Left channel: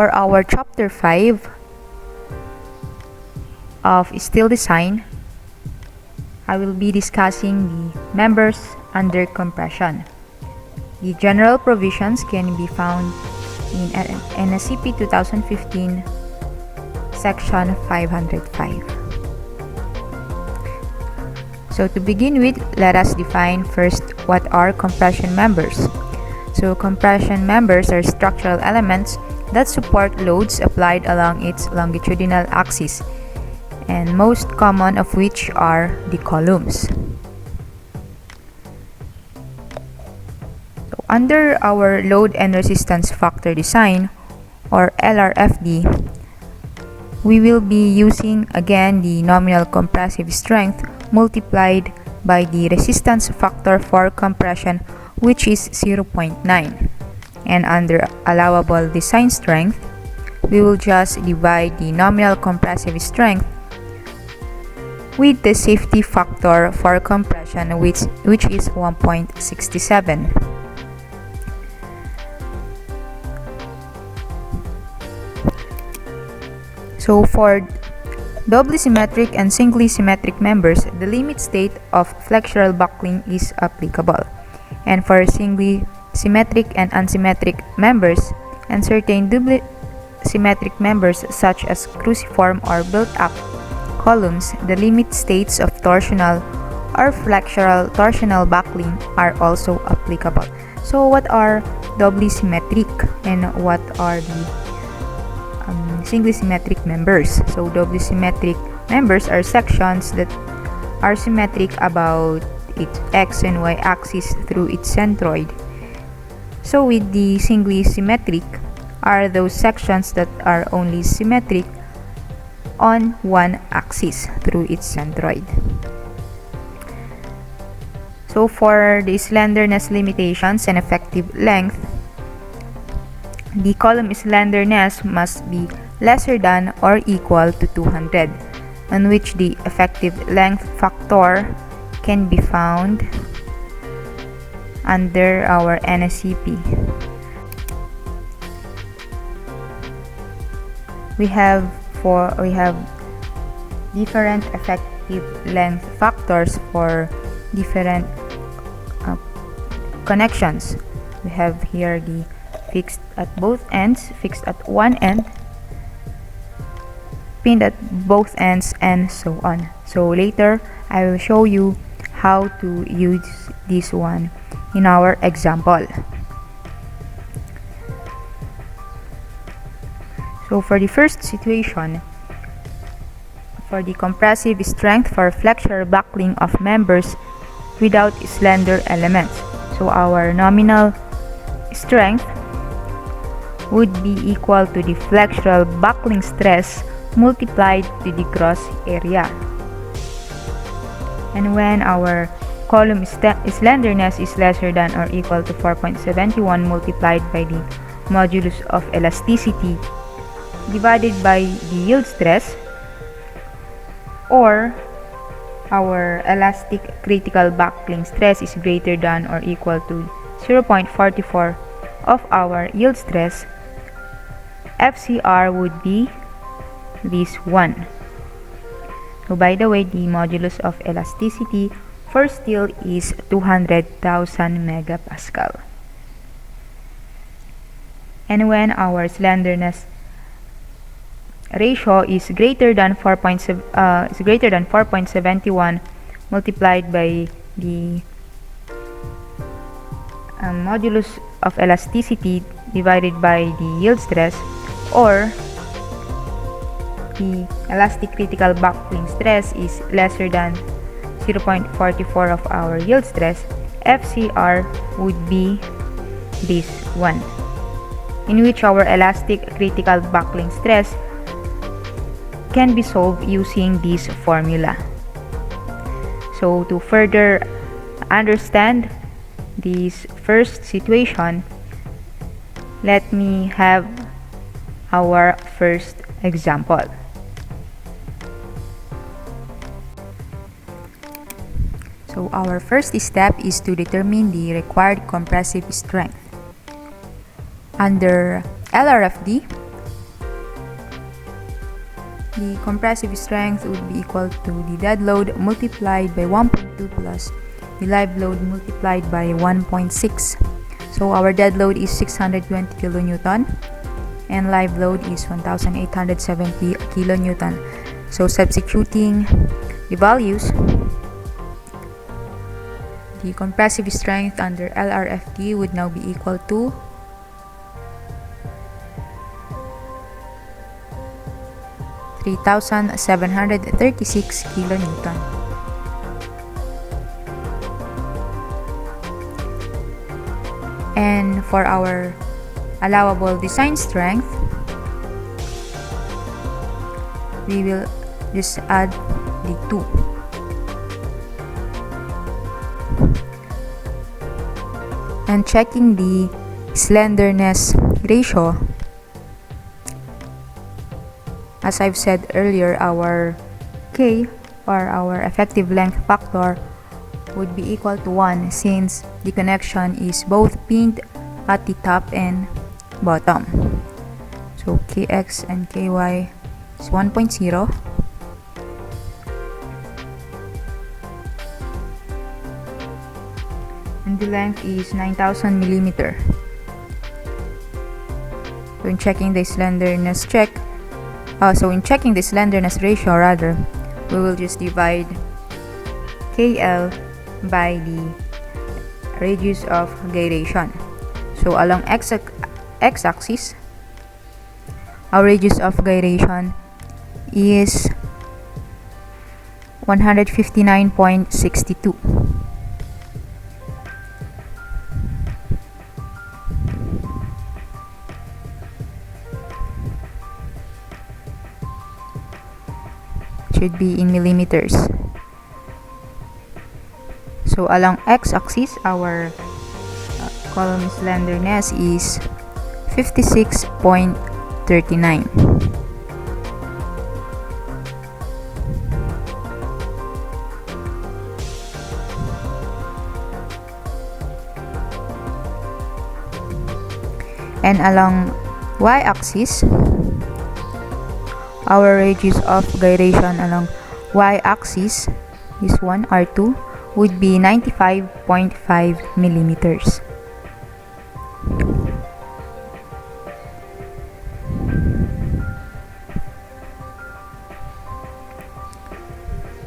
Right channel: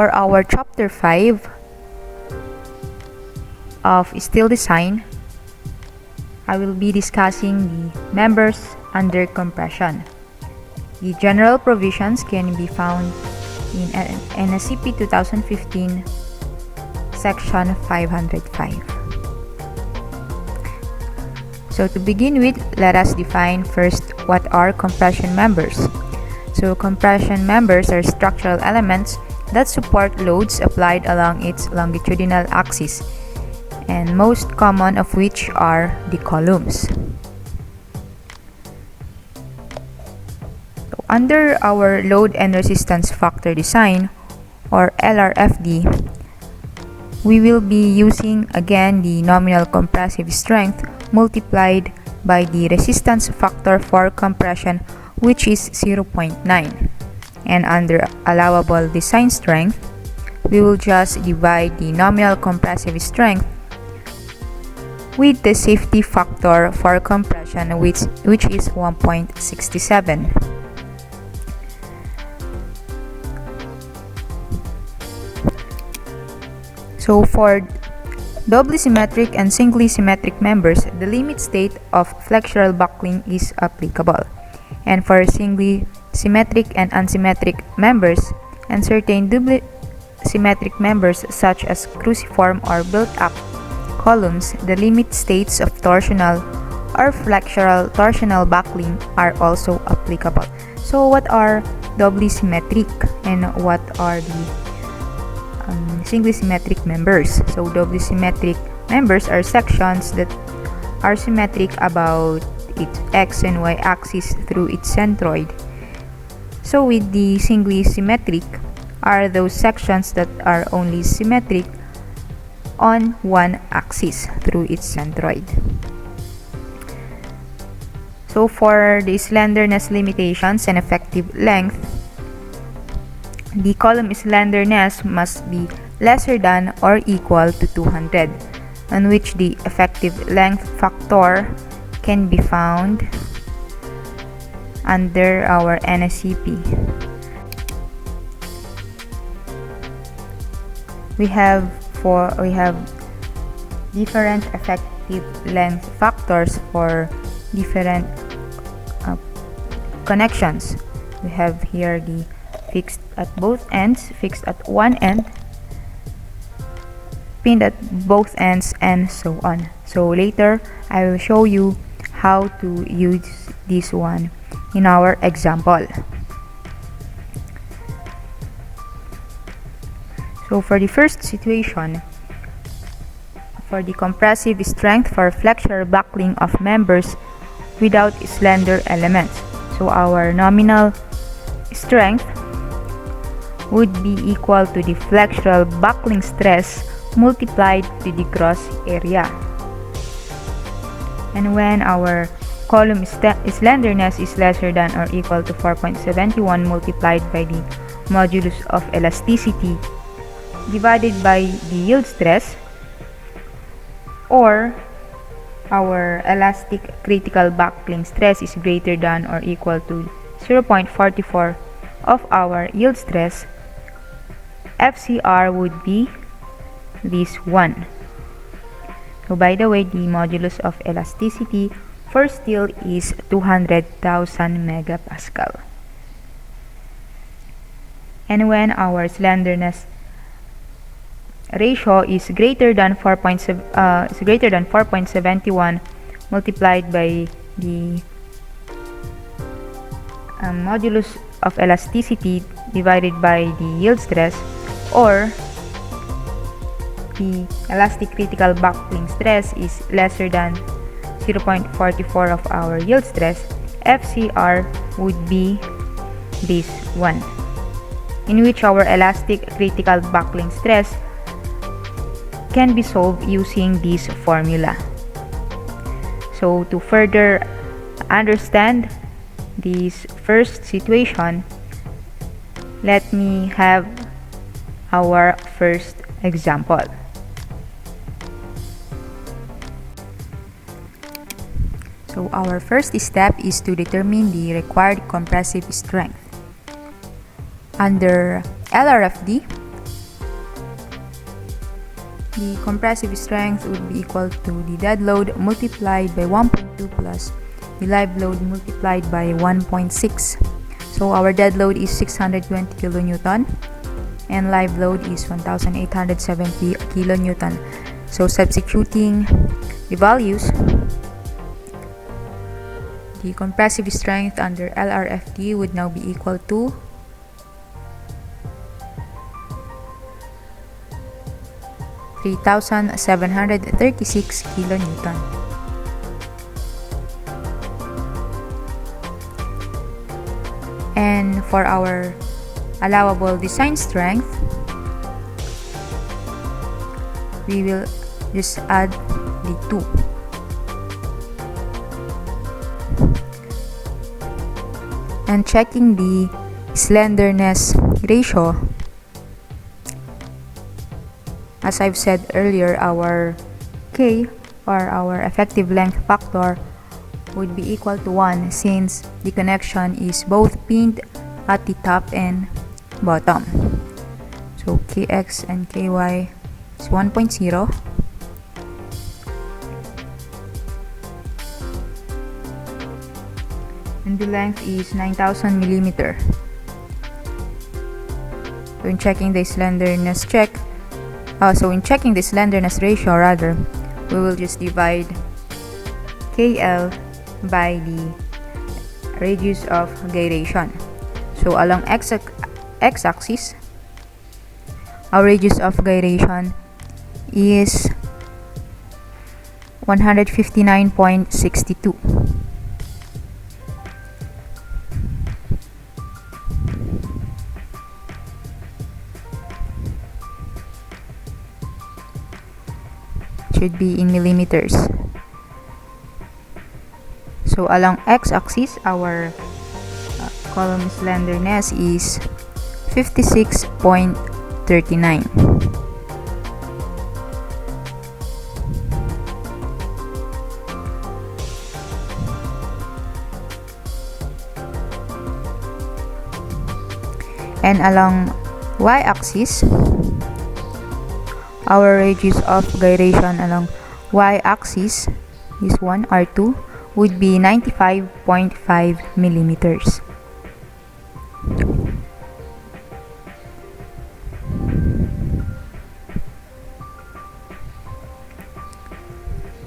for our Chapter 5 of Steel Design, I will be discussing the members under compression. The general provisions can be found in NSCP 2015, Section 505. So to begin with, let us define first what are compression members. So compression members are structural elements that support loads applied along its longitudinal axis, and most common of which are the columns. So under our load and resistance factor design, or Lrft, we will be using again the nominal compressive strength multiplied by the resistance factor for compression, which is 0.9. And under allowable design strength, we will just divide the nominal compressive strength with the safety factor for compression, which is 1.67. So for doubly symmetric and singly symmetric members, the limit state of flexural buckling is applicable. And for singly symmetric and unsymmetric members and certain doubly symmetric members such as cruciform or built-up columns, the limit states of torsional or flexural torsional buckling are also applicable. So what are doubly symmetric and what are the singly symmetric members? So doubly symmetric members are sections that are symmetric about its x and y axis through its centroid. So with the singly symmetric are those sections that are only symmetric on one axis through its centroid. So for the slenderness limitations and effective length, the column slenderness must be lesser than or equal to 200, on which the effective length factor can be found under our NSCP. We have different effective length factors for different connections. We have here the fixed at both ends, fixed at one end, pinned at both ends, and so on. So later I will show you how to use this one in our example. So for the first situation, for the compressive strength for flexural buckling of members without slender elements, so our nominal strength would be equal to the flexural buckling stress multiplied to the gross area. And when our column slenderness is lesser than or equal to 4.71 multiplied by the modulus of elasticity divided by the yield stress, or our elastic critical buckling stress is greater than or equal to 0.44 of our yield stress, FCR would be this one. So by the way, the modulus of elasticity for steel is 200,000 megapascal. And when our slenderness ratio is greater than 4.71 multiplied by the modulus of elasticity divided by the yield stress, or the elastic critical buckling stress is lesser than 0.44 of our yield stress, FCR would be this one, in which our elastic critical buckling stress can be solved using this formula. So to further understand this first situation, let me have our first example. So our first step is to determine the required compressive strength. Under Lrft, the compressive strength would be equal to the dead load multiplied by 1.2 plus the live load multiplied by 1.6. So our dead load is 620 kilonewton and live load is 1870 kilonewton. So substituting the values, the compressive strength under Lrft would now be equal to 3,736 kilonewton. And for our allowable design strength, we will just add the 2. And checking the slenderness ratio, as I've said earlier, our K, or our effective length factor, would be equal to 1 since the connection is both pinned at the top and bottom. So Kx and Ky is 1.0. And the length is 9,000 millimeter. When checking the slenderness ratio rather, we will just divide KL by the radius of gyration. So along x-axis, our radius of gyration is 159.62. Should be in millimeters. So along x-axis, our column slenderness is 56.39. And along y-axis, our radius of gyration along y-axis, this one, R2, would be 95.5 millimeters.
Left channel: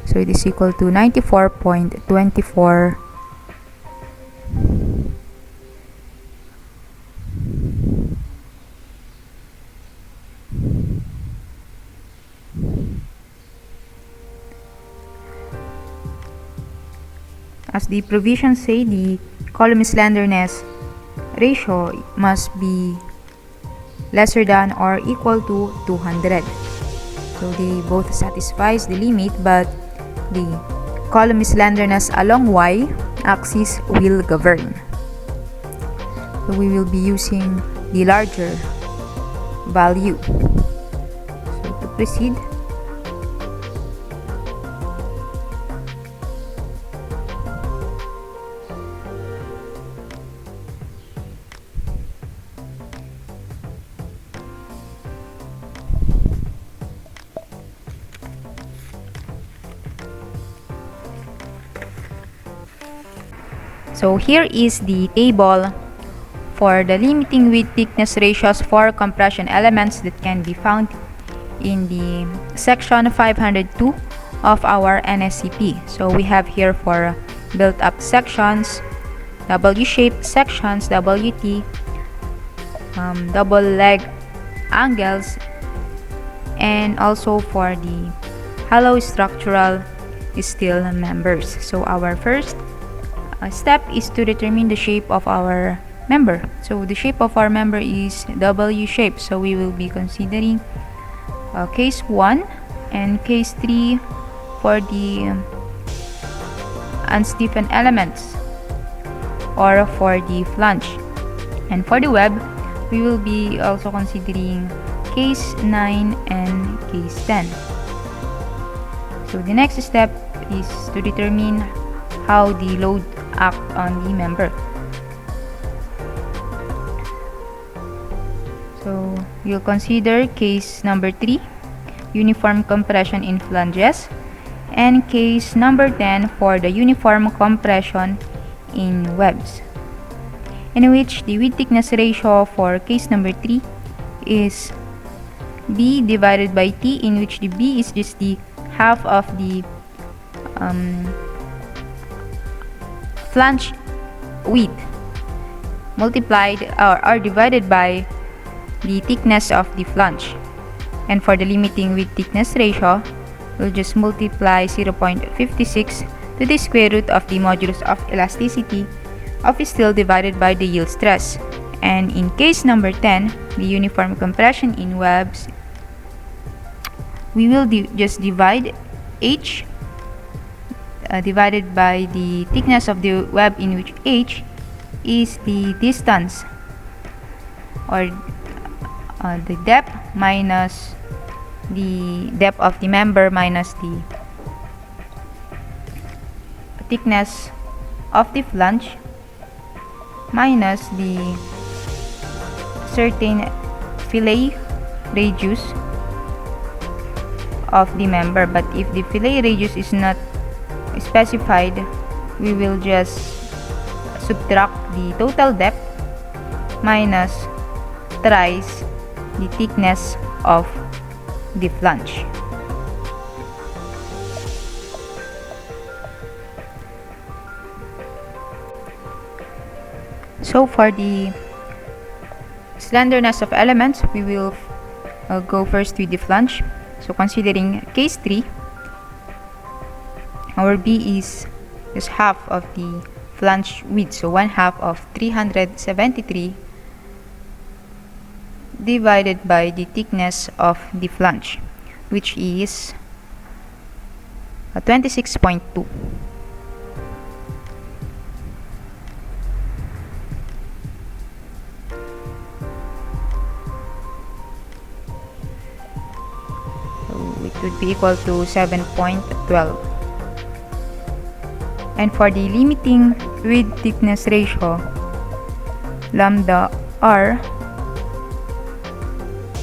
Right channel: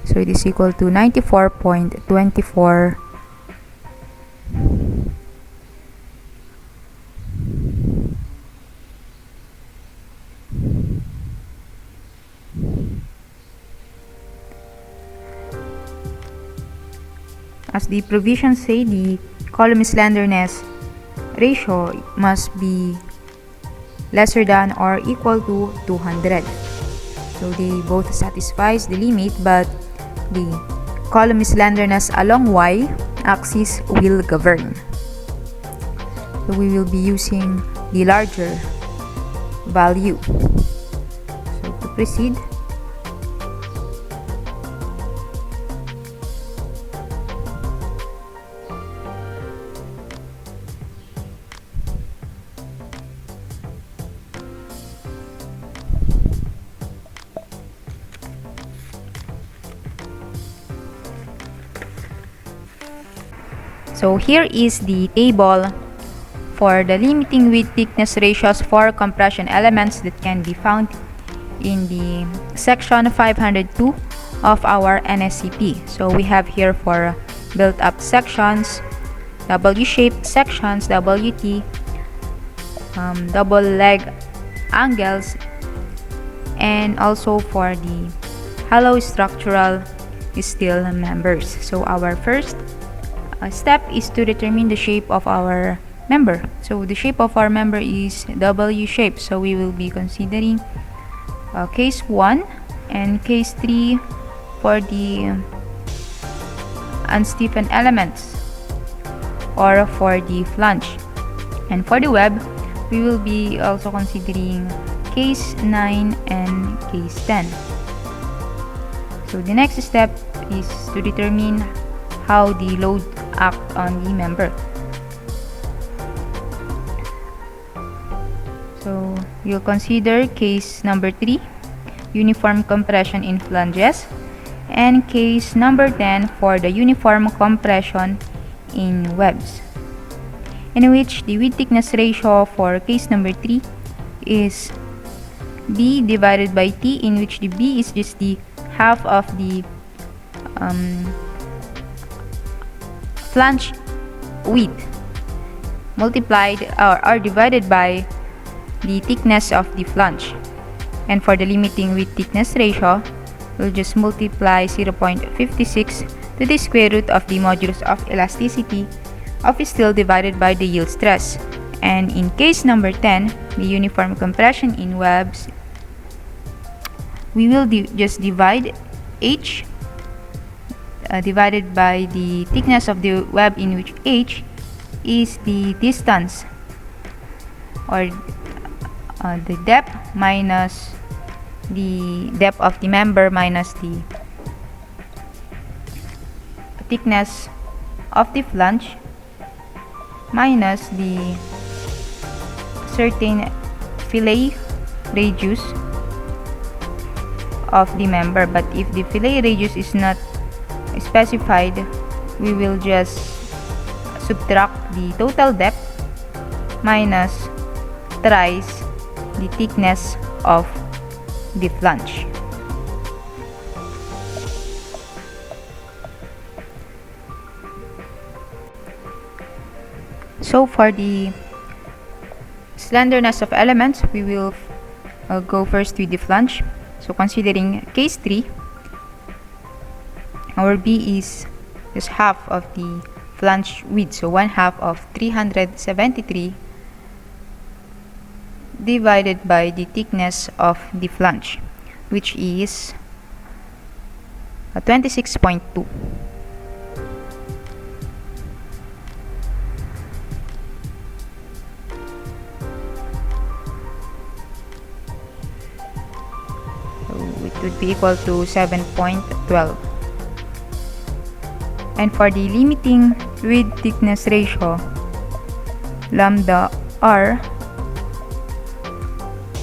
So it is equal to 94.24 as the provisions say, the column slenderness ratio must be lesser than or equal to 200. So they both satisfies the limit, but the column slenderness along y-axis will govern. So we will be using the larger value. So to proceed, so here is the table for the limiting width thickness ratios for compression elements that can be found in the section 502 of our NSCP. So we have here for built-up sections, W-shaped sections, WT, double leg angles, and also for the hollow structural steel members. So our first step is to determine the shape of our member. So the shape of our member is W shape. So we will be considering case 1 and case 3 for the unstiffened elements or for the flange. And for the web, we will be also considering case 9 and case 10. So the next step is to determine how the load act on the member. So you'll consider case number 3 uniform compression in flanges, and case number 10 for the uniform compression in webs, in which the width thickness ratio for case number 3 is B divided by T, in which the B is just the half of the flange width multiplied or divided by the thickness of the flange. And for the limiting width thickness ratio, we'll just multiply 0.56 to the square root of the modulus of elasticity of steel divided by the yield stress. And in case number 10, the uniform compression in webs, we will just divide H divided by the thickness of the web, in which H is the distance or the depth minus the depth of the member minus the thickness of the flange minus the certain fillet radius of the member. But if the fillet radius is not specified, we will just subtract the total depth minus thrice the thickness of the flange. So for the slenderness of elements, we will go first with the flange. So considering case 3, our B is just half of the flange width, so 1/2 of 373 divided by the thickness of the flange, which is 26.2. It would be equal to 7.12. And for the limiting width thickness ratio, lambda r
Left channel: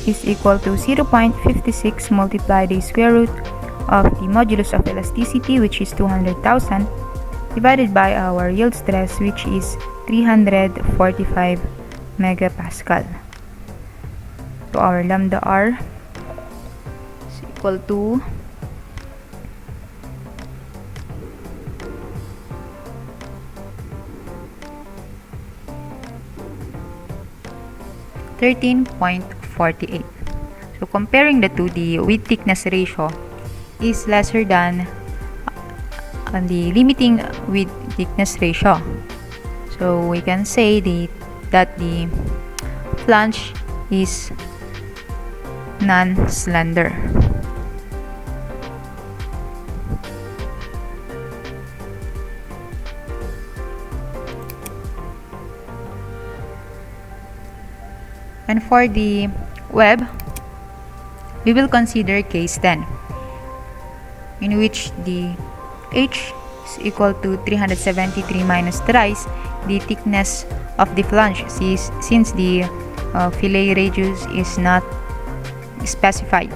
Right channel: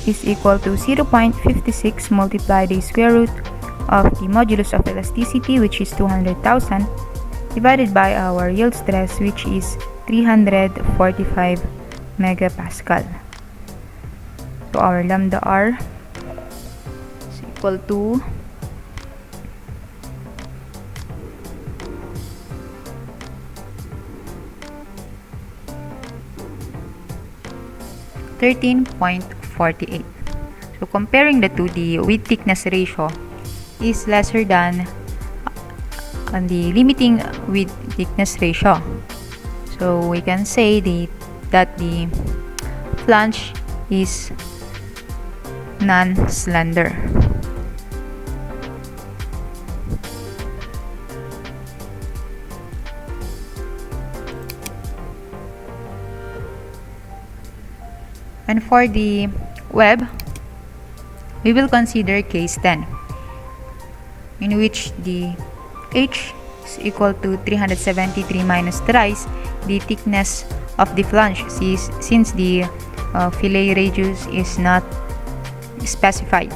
is equal to 0.56 multiplied the square root of the modulus of elasticity, which is 200,000, divided by our yield stress, which is 345 megapascal. So our lambda r is equal to 13.48. So comparing the two, the width thickness ratio is lesser than the limiting width thickness ratio. So we can say that the flange is non-slender. And for the web, we will consider case 10, in which the H is equal to 373 minus thrice the thickness of the flange, since the fillet radius is not specified.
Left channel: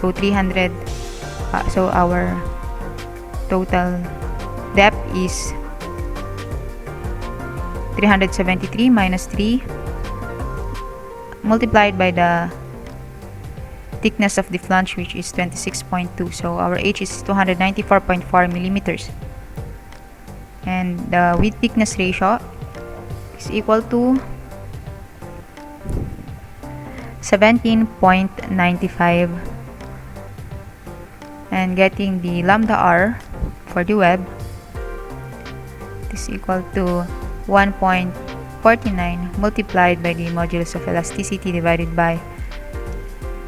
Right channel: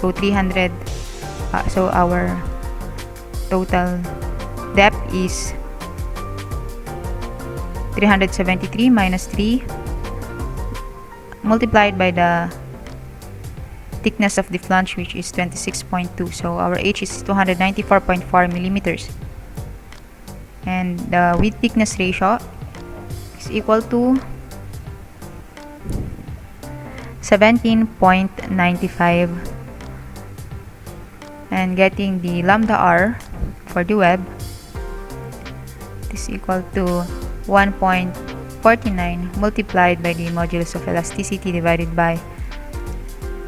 So 300. So our total depth is 373 minus 3 multiplied by the thickness of the flange, which is 26.2. So our H is 294.4 millimeters, and the width thickness ratio is equal to 17.95, and getting the lambda r for the web is equal to 1.49 multiplied by the modulus of elasticity divided by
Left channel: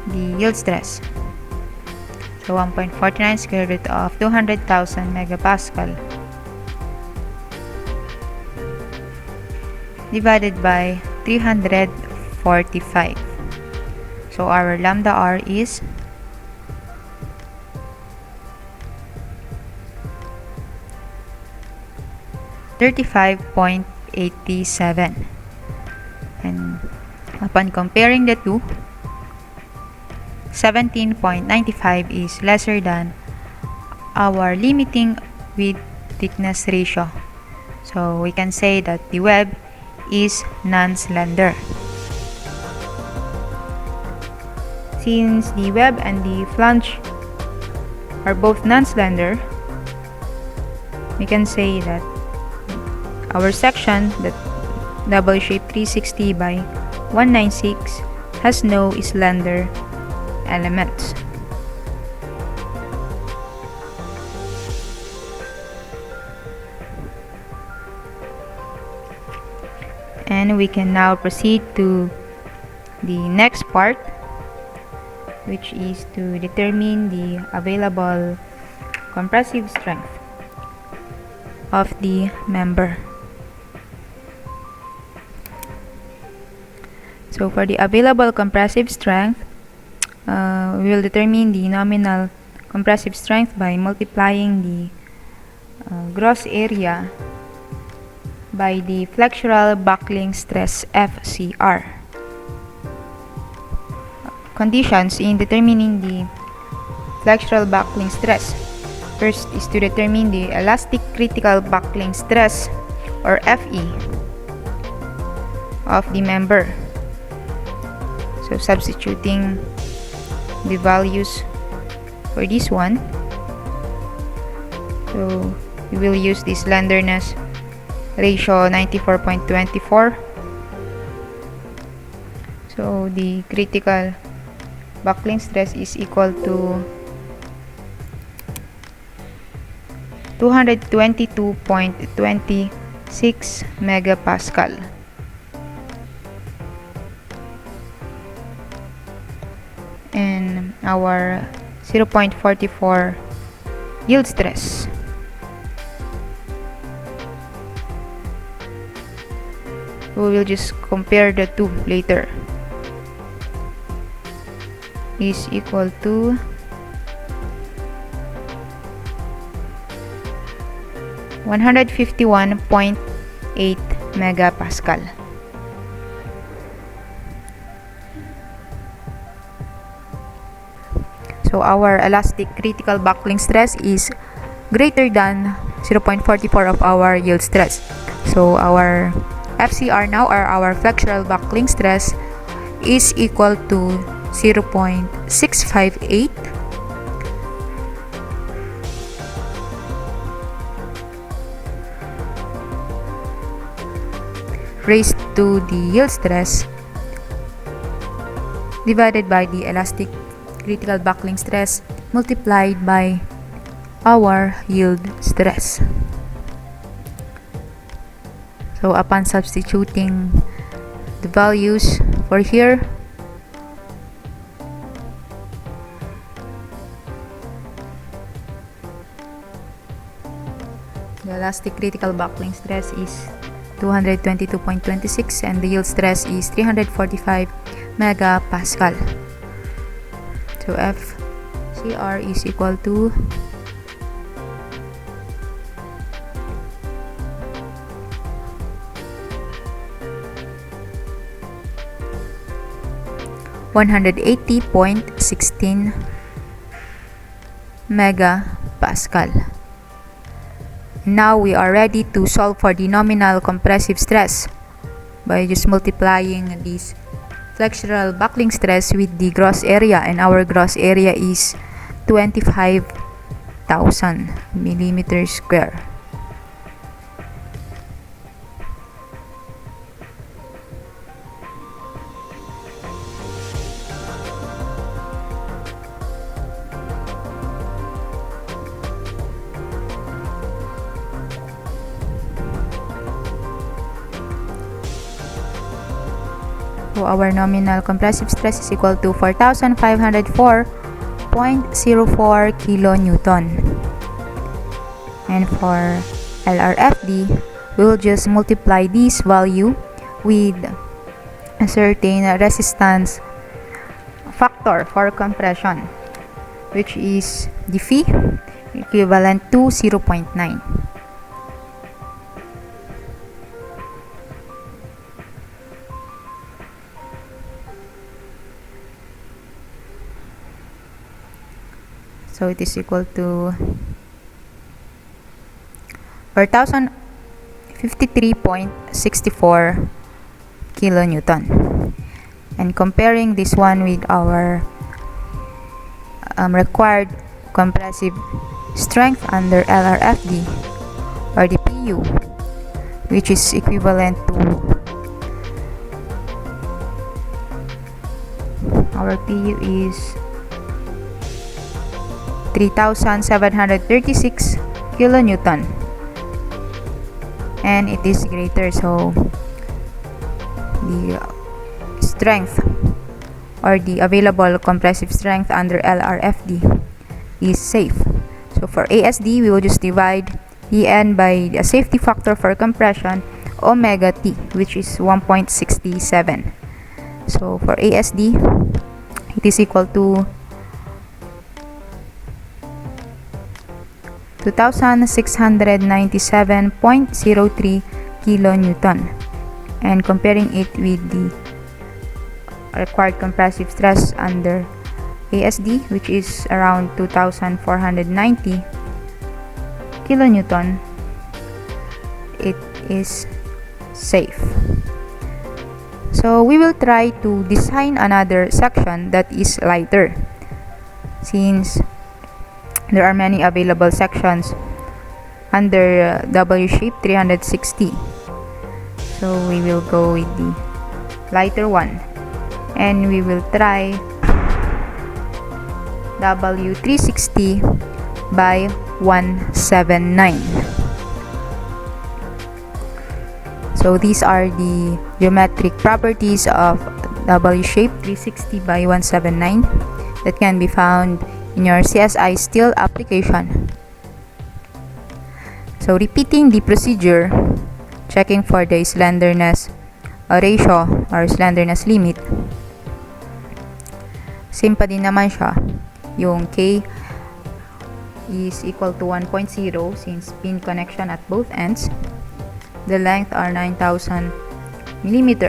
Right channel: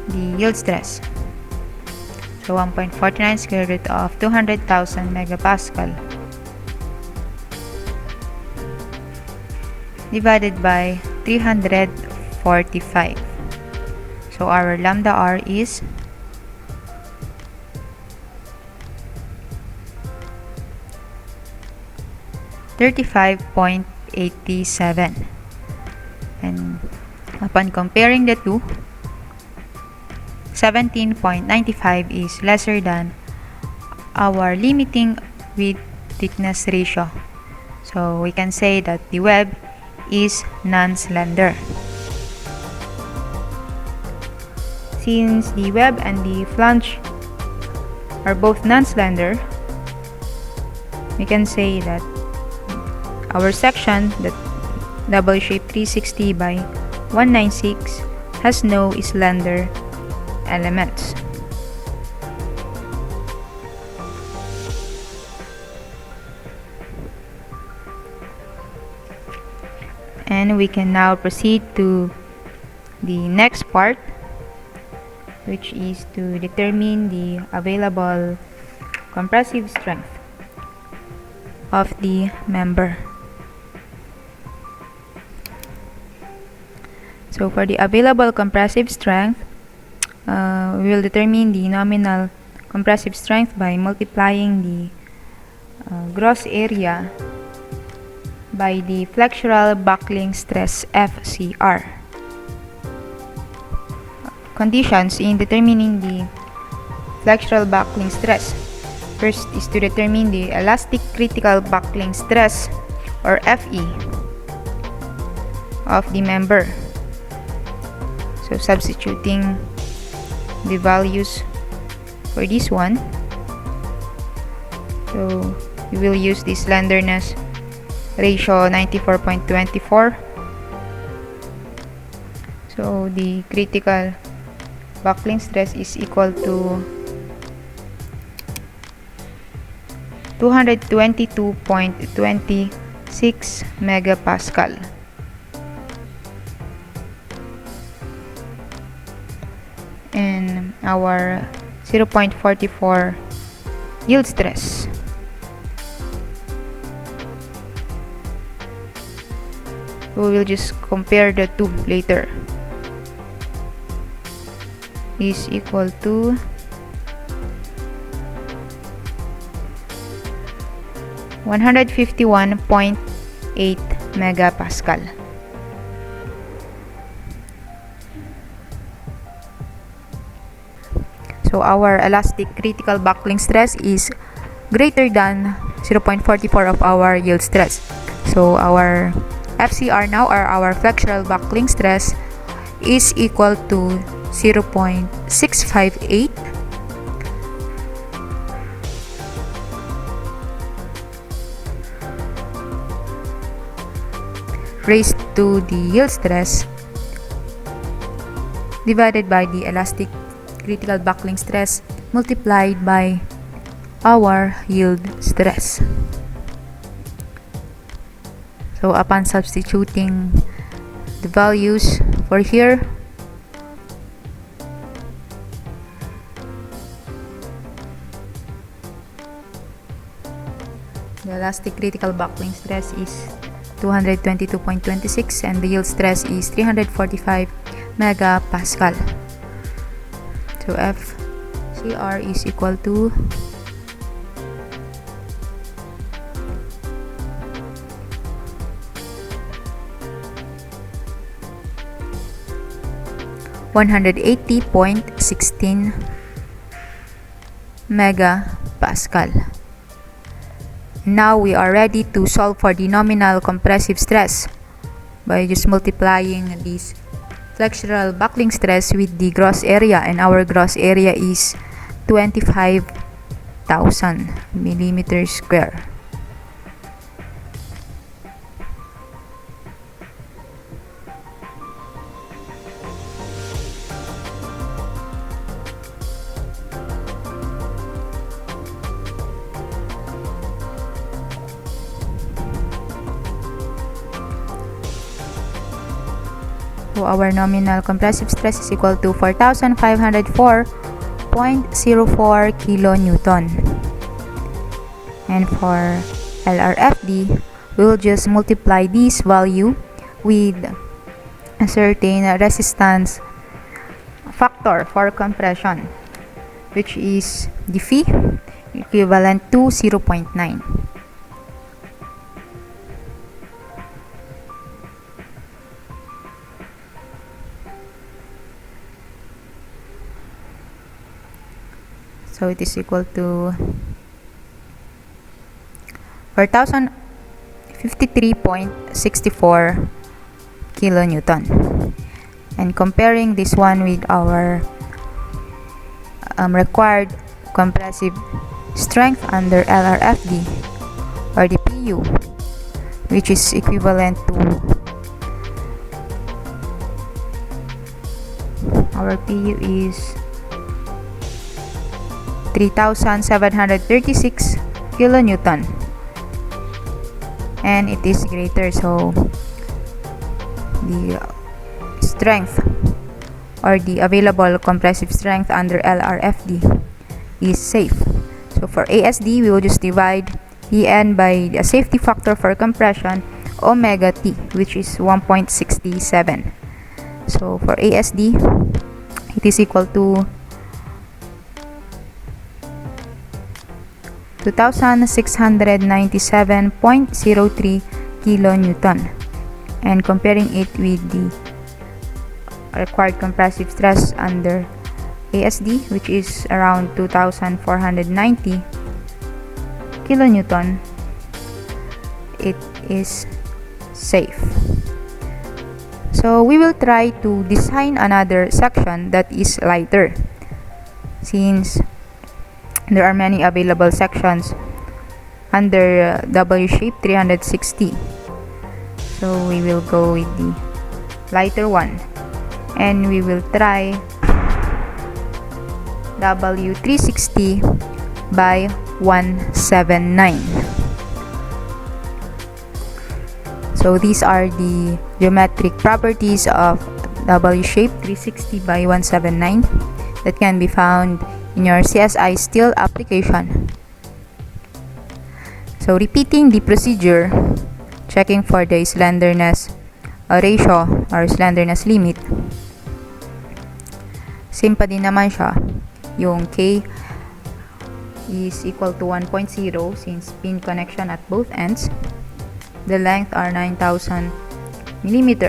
the yield stress. So 1.49 square root of 200,000 megapascal divided by 345. So our lambda r is 35.87, and upon comparing the two, 17.95 is lesser than our limiting width thickness ratio. So we can say that the web is non-slender. Since the web and the flange are both non-slender, we can say that our section, that double shape 360 by 196, has no slender elements. And we can now proceed to the next part, which is to determine the available compressive strength of the member. So for the available compressive strength, we will determine the nominal compressive strength by multiplying the gross area by the flexural buckling stress FCR. Conditions in determining the flexural buckling stress. First is to determine the elastic critical buckling stress, or FE, of the member. So substituting the values for this one, so we will use the slenderness ratio 94.24. So the critical buckling stress is equal to 222.26 megapascal. And our 0.44 yield stress. We will just compare the two later. Is equal to 151.8 megapascal. So our elastic critical buckling stress is greater than 0.44 of our yield stress. So our FCR now, or our flexural buckling stress, is equal to 0.658 raised to the yield stress divided by the elastic critical buckling stress multiplied by our yield stress. So upon substituting the values for here, the elastic critical buckling stress is 222.26 and the yield stress is 345 megapascal. So FCR is equal to 180.16 megapascal. Now we are ready to solve for the nominal compressive stress by just multiplying this flexural buckling stress with the gross area, and our gross area is 25,000 millimeters square. So our nominal compressive stress is equal to 4,504.04 kilonewton. And for Lrft, we'll just multiply this value with a certain resistance factor for compression, which is the phi equivalent to 0.9. So it is equal to 4,053.64 kilonewton. And comparing this one with our required compressive strength under Lrft, or the PU, which is equivalent to our PU is 3,736 kilonewton, and it is greater, so the strength or the available compressive strength under Lrft is safe. So for ASD, we will just divide En by the safety factor for compression, omega T, which is 1.67. So for ASD, it is equal to 2,697.03 kilonewton. And comparing it with the required compressive stress under ASD, which is around 2,490 kilonewton, it is safe. So we will try to design another section that is lighter, since there are many available sections under W shape 360. So we will go with the lighter one, and we will try W360 by 179. So these are the geometric properties of W shape 360 by 179 that can be found in your CSI steel application. So repeating the procedure, checking for the slenderness ratio or slenderness limit. Same pa din naman siya. Yung K is equal to 1.0 since pin connection at both ends. The length are 9,000 mm.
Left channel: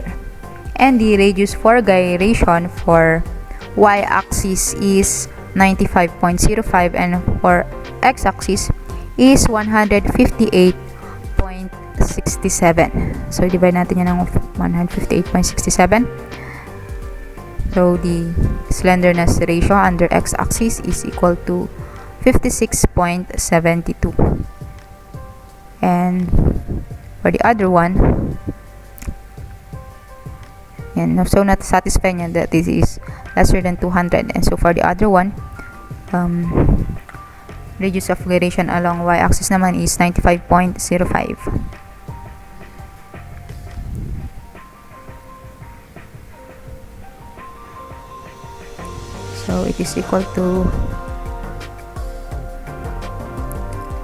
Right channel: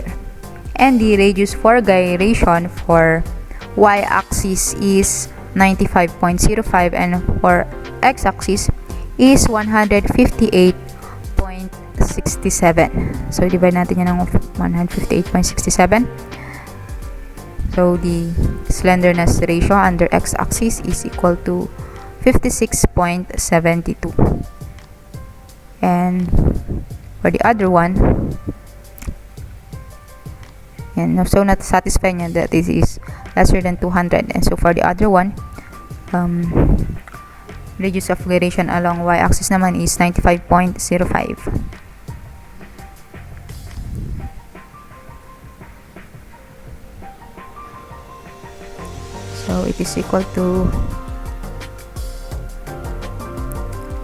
And the radius for gyration for y-axis is 95.05, and for x-axis is 158.67. So divide natin yan ng 158.67. So the slenderness ratio under x-axis is equal to 56.72. And for the other one, and so not satisfying that this is lesser than 200. And so for the other one, radius of gyration along y-axis naman is 95.05. So it is equal to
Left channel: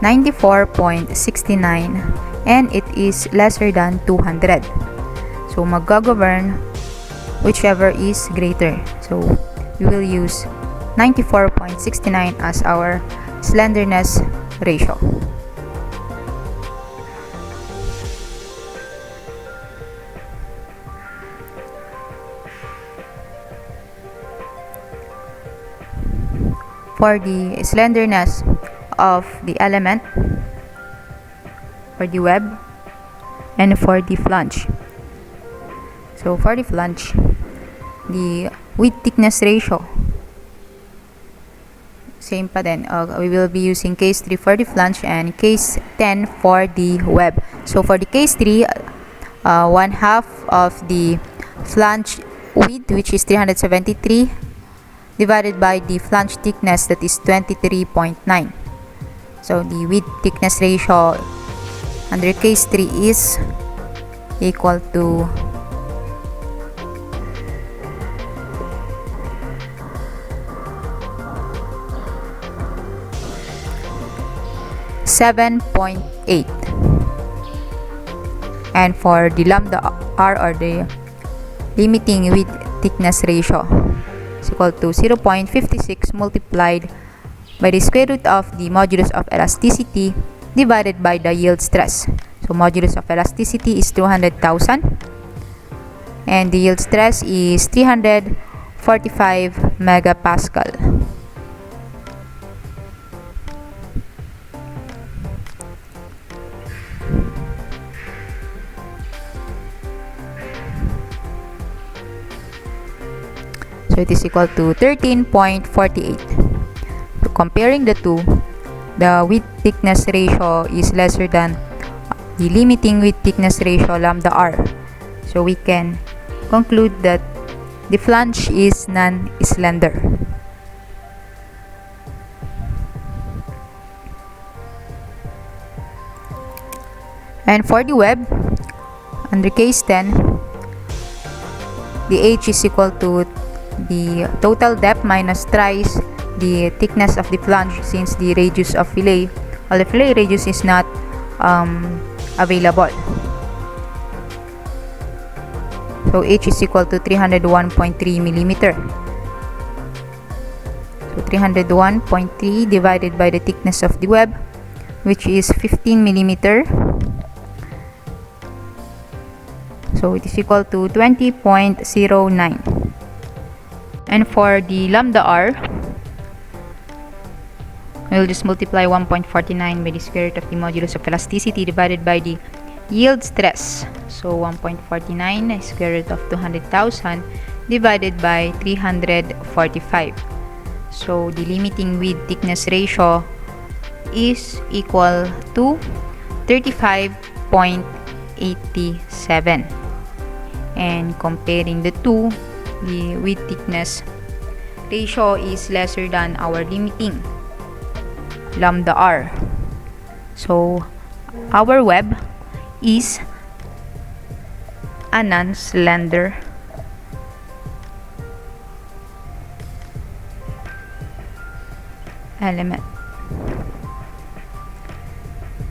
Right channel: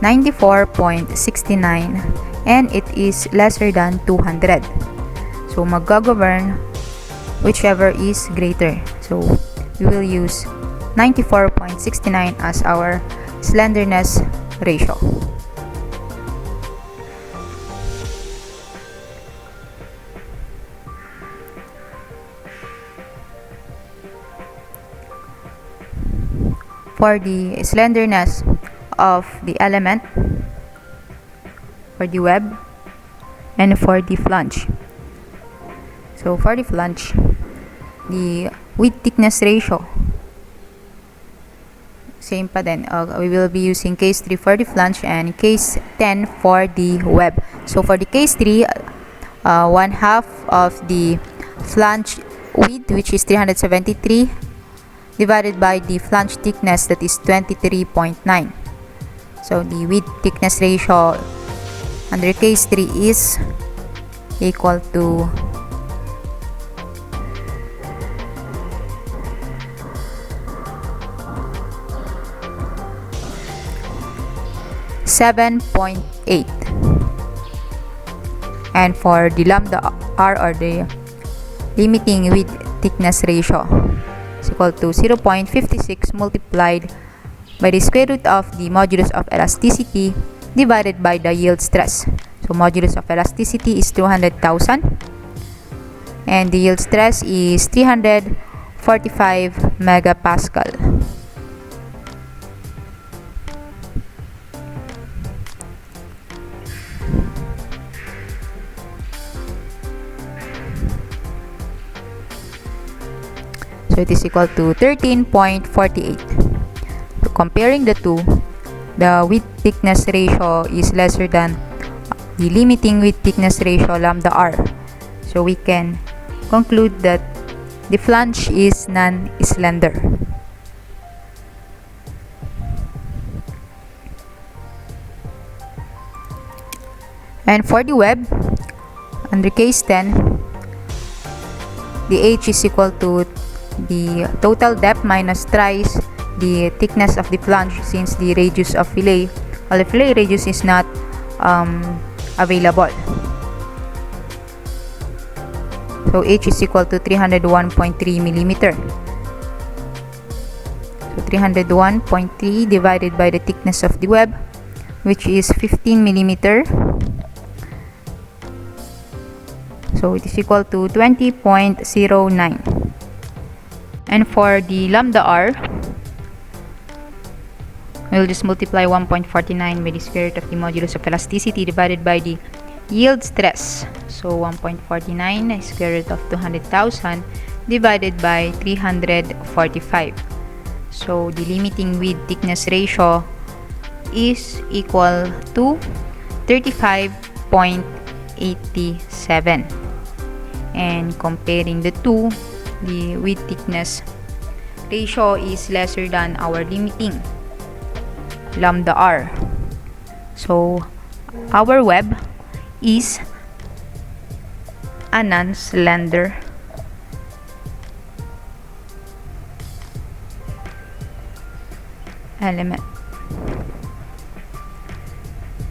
94.69, and it is lesser than 200. So mag-govern whichever is greater. So we will use 94.69 as our slenderness ratio. For the slenderness of the element, for the web, and for the flange. So for the flange, the width thickness ratio, same pa din. We will be using case 3 for the flange and case 10 for the web. So for the case 3, 1/2 of the flange width, which is 373, divided by the flange thickness, that is 23.9. So the width thickness ratio under case 3 is equal to 7.8. And for the lambda r, or the limiting width thickness ratio, is equal to 0.56 multiplied by the square root of the modulus of elasticity divided by the yield stress. So modulus of elasticity is 200,000 and the yield stress is 345 megapascal. So it is equal to 13.48. Comparing the two, the width thickness ratio is lesser than the limiting width thickness ratio lambda r. So we can conclude that the flange is non-slender. And for the web, under case 10, the h is equal to the total depth minus thrice the thickness of the flange, since the radius of fillet, well, the fillet radius is not available. So h is equal to 301.3 millimeter. So 301.3 divided by the thickness of the web, which is 15 millimeter. So it is equal to 20.09. And for the lambda r, we'll just multiply 1.49 by the square root of the modulus of elasticity divided by the yield stress. So 1.49 square root of 200,000 divided by 345. So the limiting width thickness ratio is equal to 35.87. And comparing the two, the width thickness ratio is lesser than our limiting lambda r. So our web is a non-slender element.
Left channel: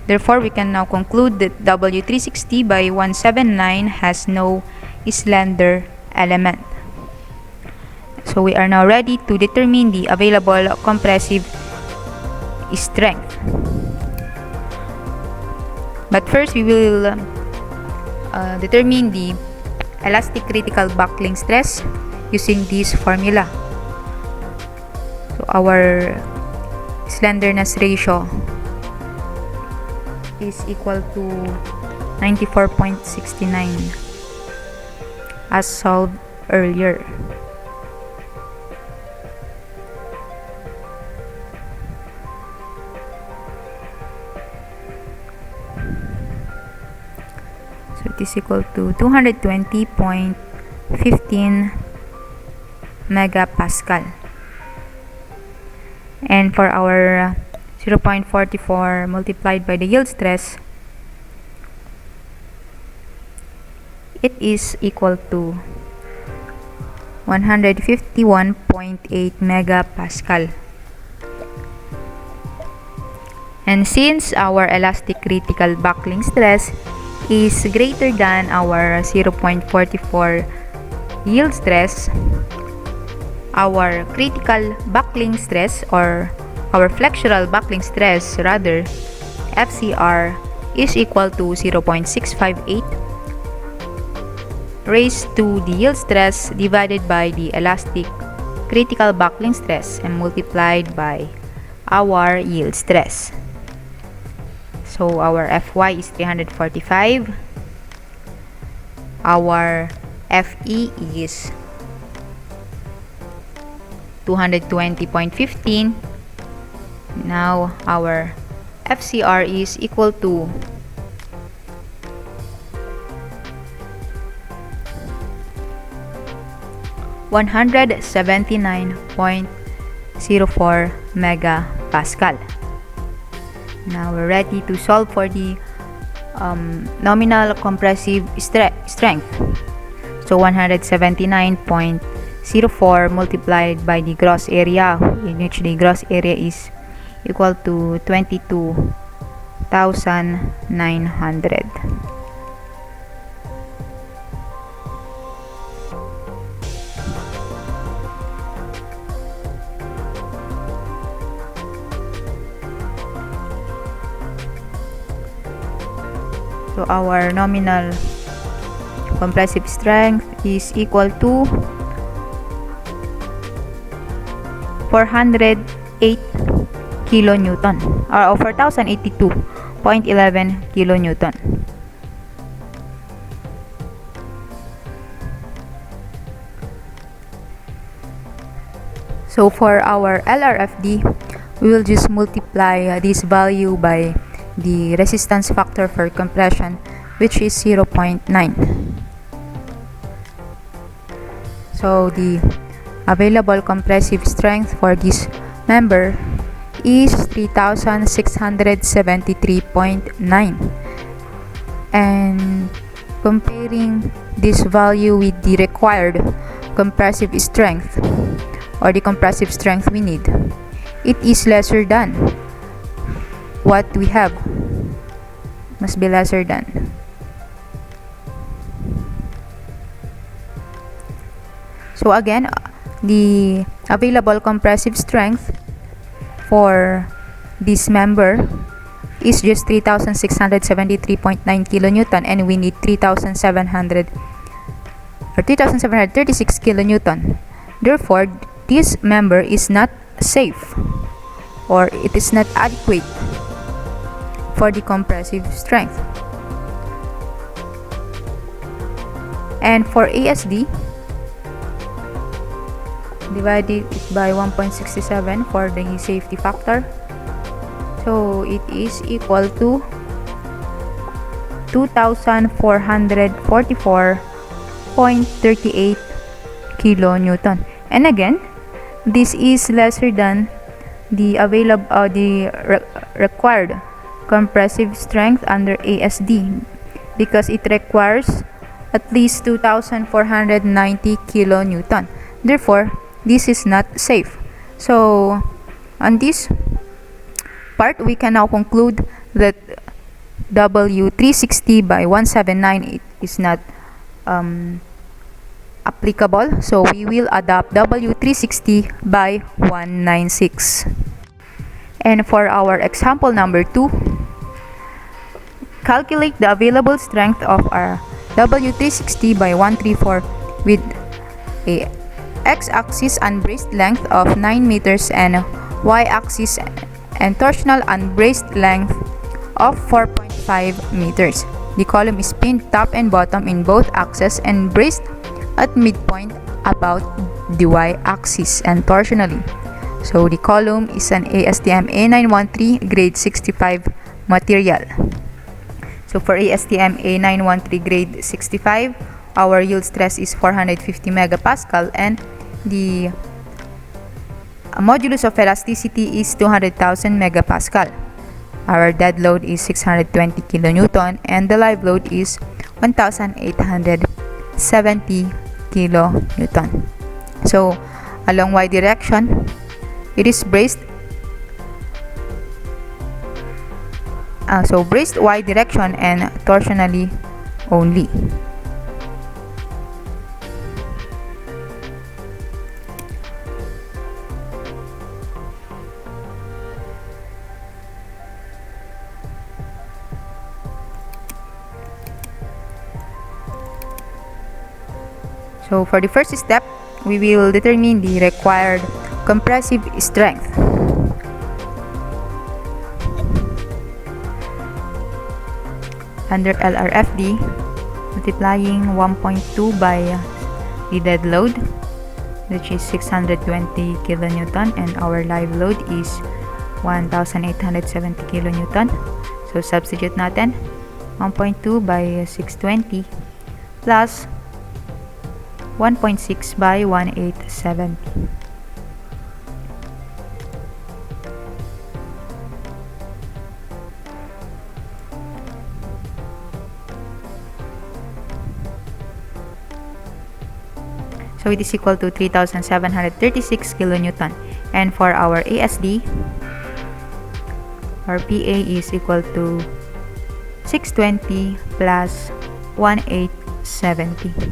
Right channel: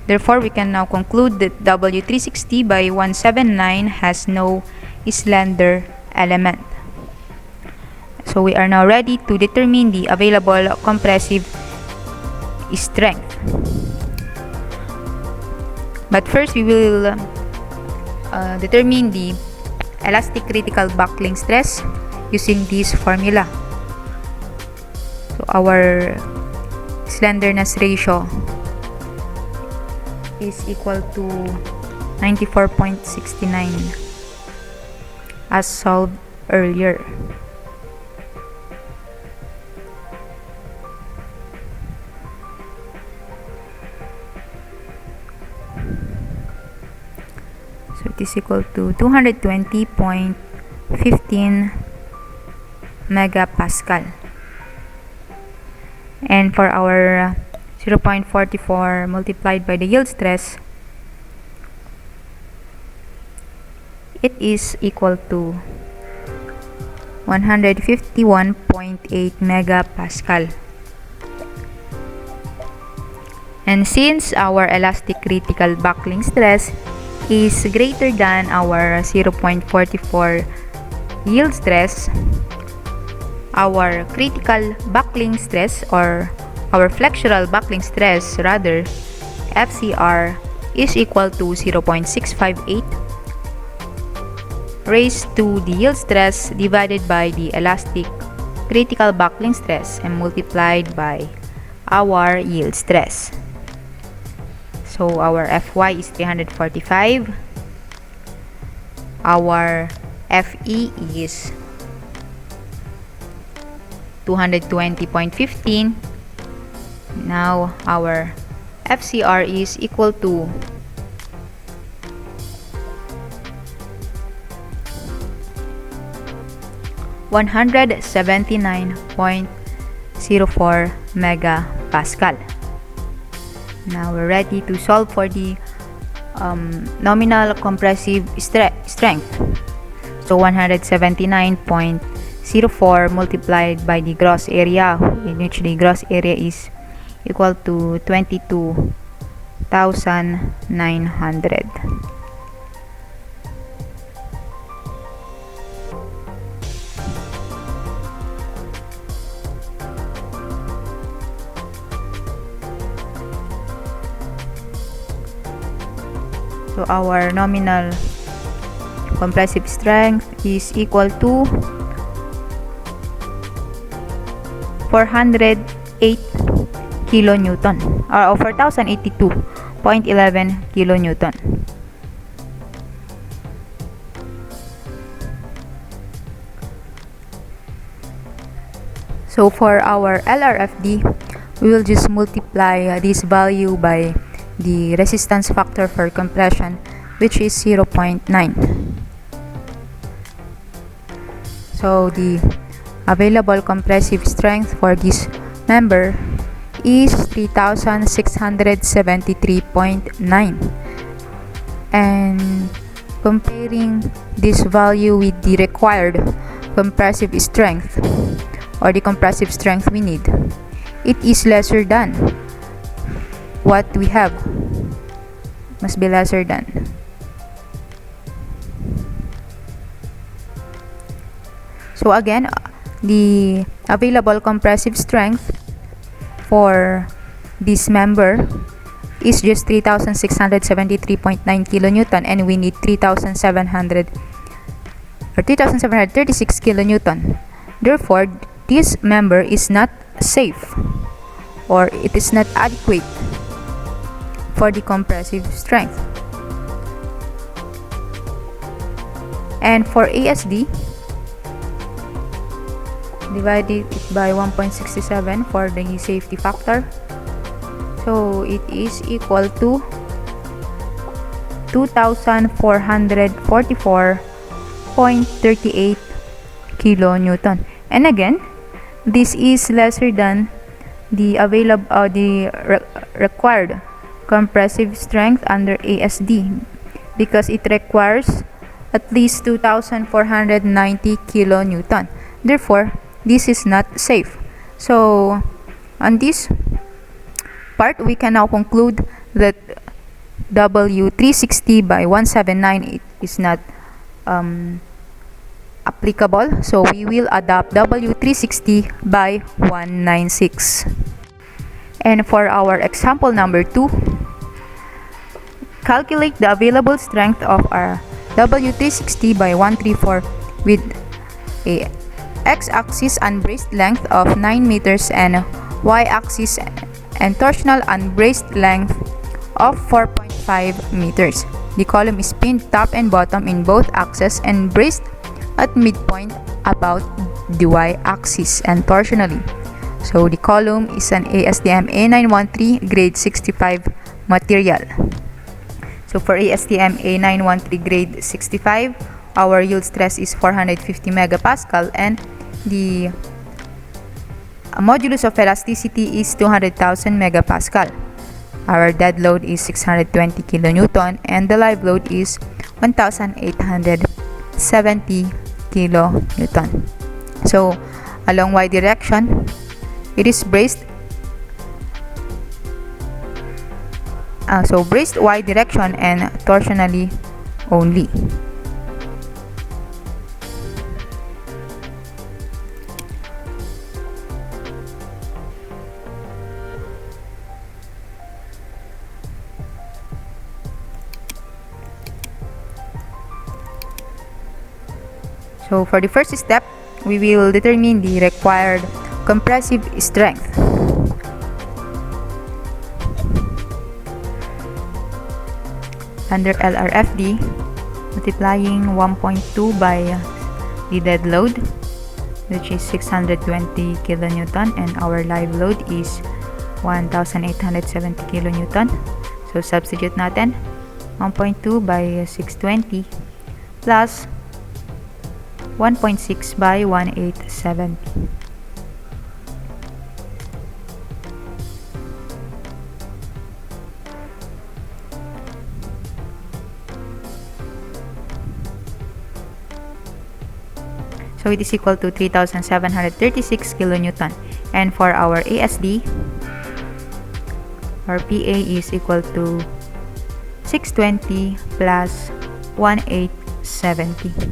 Therefore, we can now conclude that W360 by 179 has no slender element. So we are now ready to determine the available compressive strength. But first, we will determine the elastic critical buckling stress using this formula. So our slenderness ratio is equal to 94.69 as solved earlier. So it is equal to 220.15 megapascal. And for our 0.44 multiplied by the yield stress, it is equal to 151.8 megapascal. And since our elastic critical buckling stress is greater than our 0.44 yield stress, our critical buckling stress, or our flexural buckling stress rather, FCR, is equal to 0.658 raised to the yield stress divided by the elastic critical buckling stress and multiplied by our yield stress. So our Fy is 345, our Fe is 220.15. Now our FCR is equal to 179.04 megapascal. Now we're ready to solve for the nominal compressive strength. So 179.04 multiplied by the gross area, in which the gross area is equal to 22,900. So our nominal compressive strength is equal to 408 kilonewton, or 4,082.11 kilonewton. So for our Lrfd, we will just multiply this value by the resistance factor for compression, which is 0.9. So the available compressive strength for this member is 3,673.9. And comparing this value with the required compressive strength or the compressive strength we need, it is lesser than what we have. Must be lesser than. So again, the available compressive strength for this member is just 3,673.9 kilonewton, and we need 3,736 kilonewton. Therefore, this member is not safe, or it is not adequate for the compressive strength. And for ASD, divided by 1.67 for the safety factor, so it is equal to 2,444.38 kilonewton. And again, this is lesser than the required compressive strength under ASD, because it requires at least 2,490 kilonewton. Therefore, this is not safe. So on this part, we can now conclude that W360 by 179 is not applicable. So we will adopt W360 by 196. And for our example number 2, calculate the available strength of our W360 by 134 with a x-axis unbraced length of 9 meters and y-axis and torsional unbraced length of 4.5 meters. The column is pinned top and bottom in both axes and braced at midpoint about the y-axis and torsionally. So the column is an ASTM A913 grade 65 material. So for ASTM A913 grade 65, our yield stress is 450 megapascal, and the modulus of elasticity is 200,000 megapascal. Our dead load is 620 kilonewton, and the live load is 1,870 kilonewton. So along y direction, it is braced. So braced y direction and torsionally only. So for the first step, we will determine the required compressive strength. Under Lrfd, multiplying 1.2 by the dead load, which is 620 kilonewton, and our live load is 1,870 kilonewton. So substitute natin 1.2 by 620 plus 1.6 by 1870. So it is equal to 3,736 kilonewton. And for our ASD, our PA is equal to 620 plus 1870.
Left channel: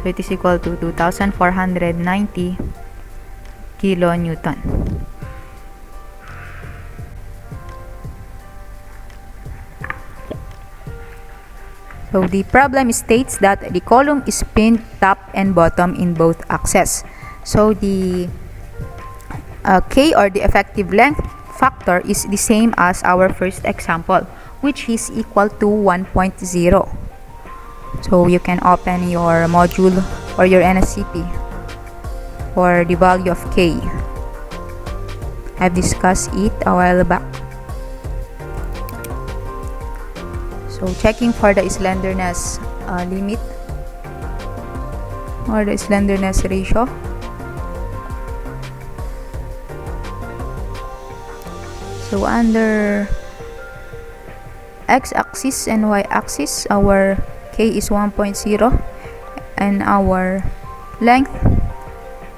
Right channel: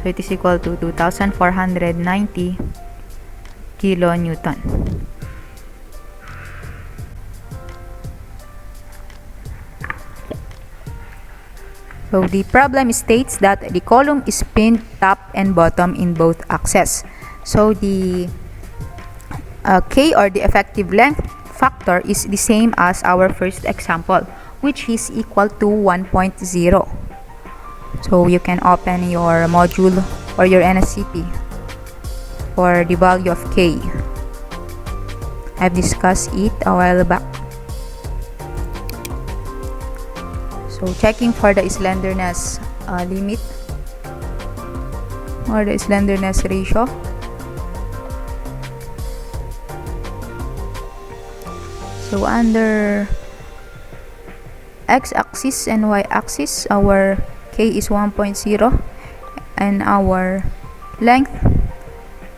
So it is equal to 2,490 kilonewton. So the problem states that the column is pinned top and bottom in both axes. So the K, or the effective length factor, is the same as our first example, which is equal to 1.0. So you can open your module or your NSCP for the value of K. I've discussed it a while back. So checking for the slenderness limit or the slenderness ratio. So under x-axis and y-axis, our K is 1.0 and our length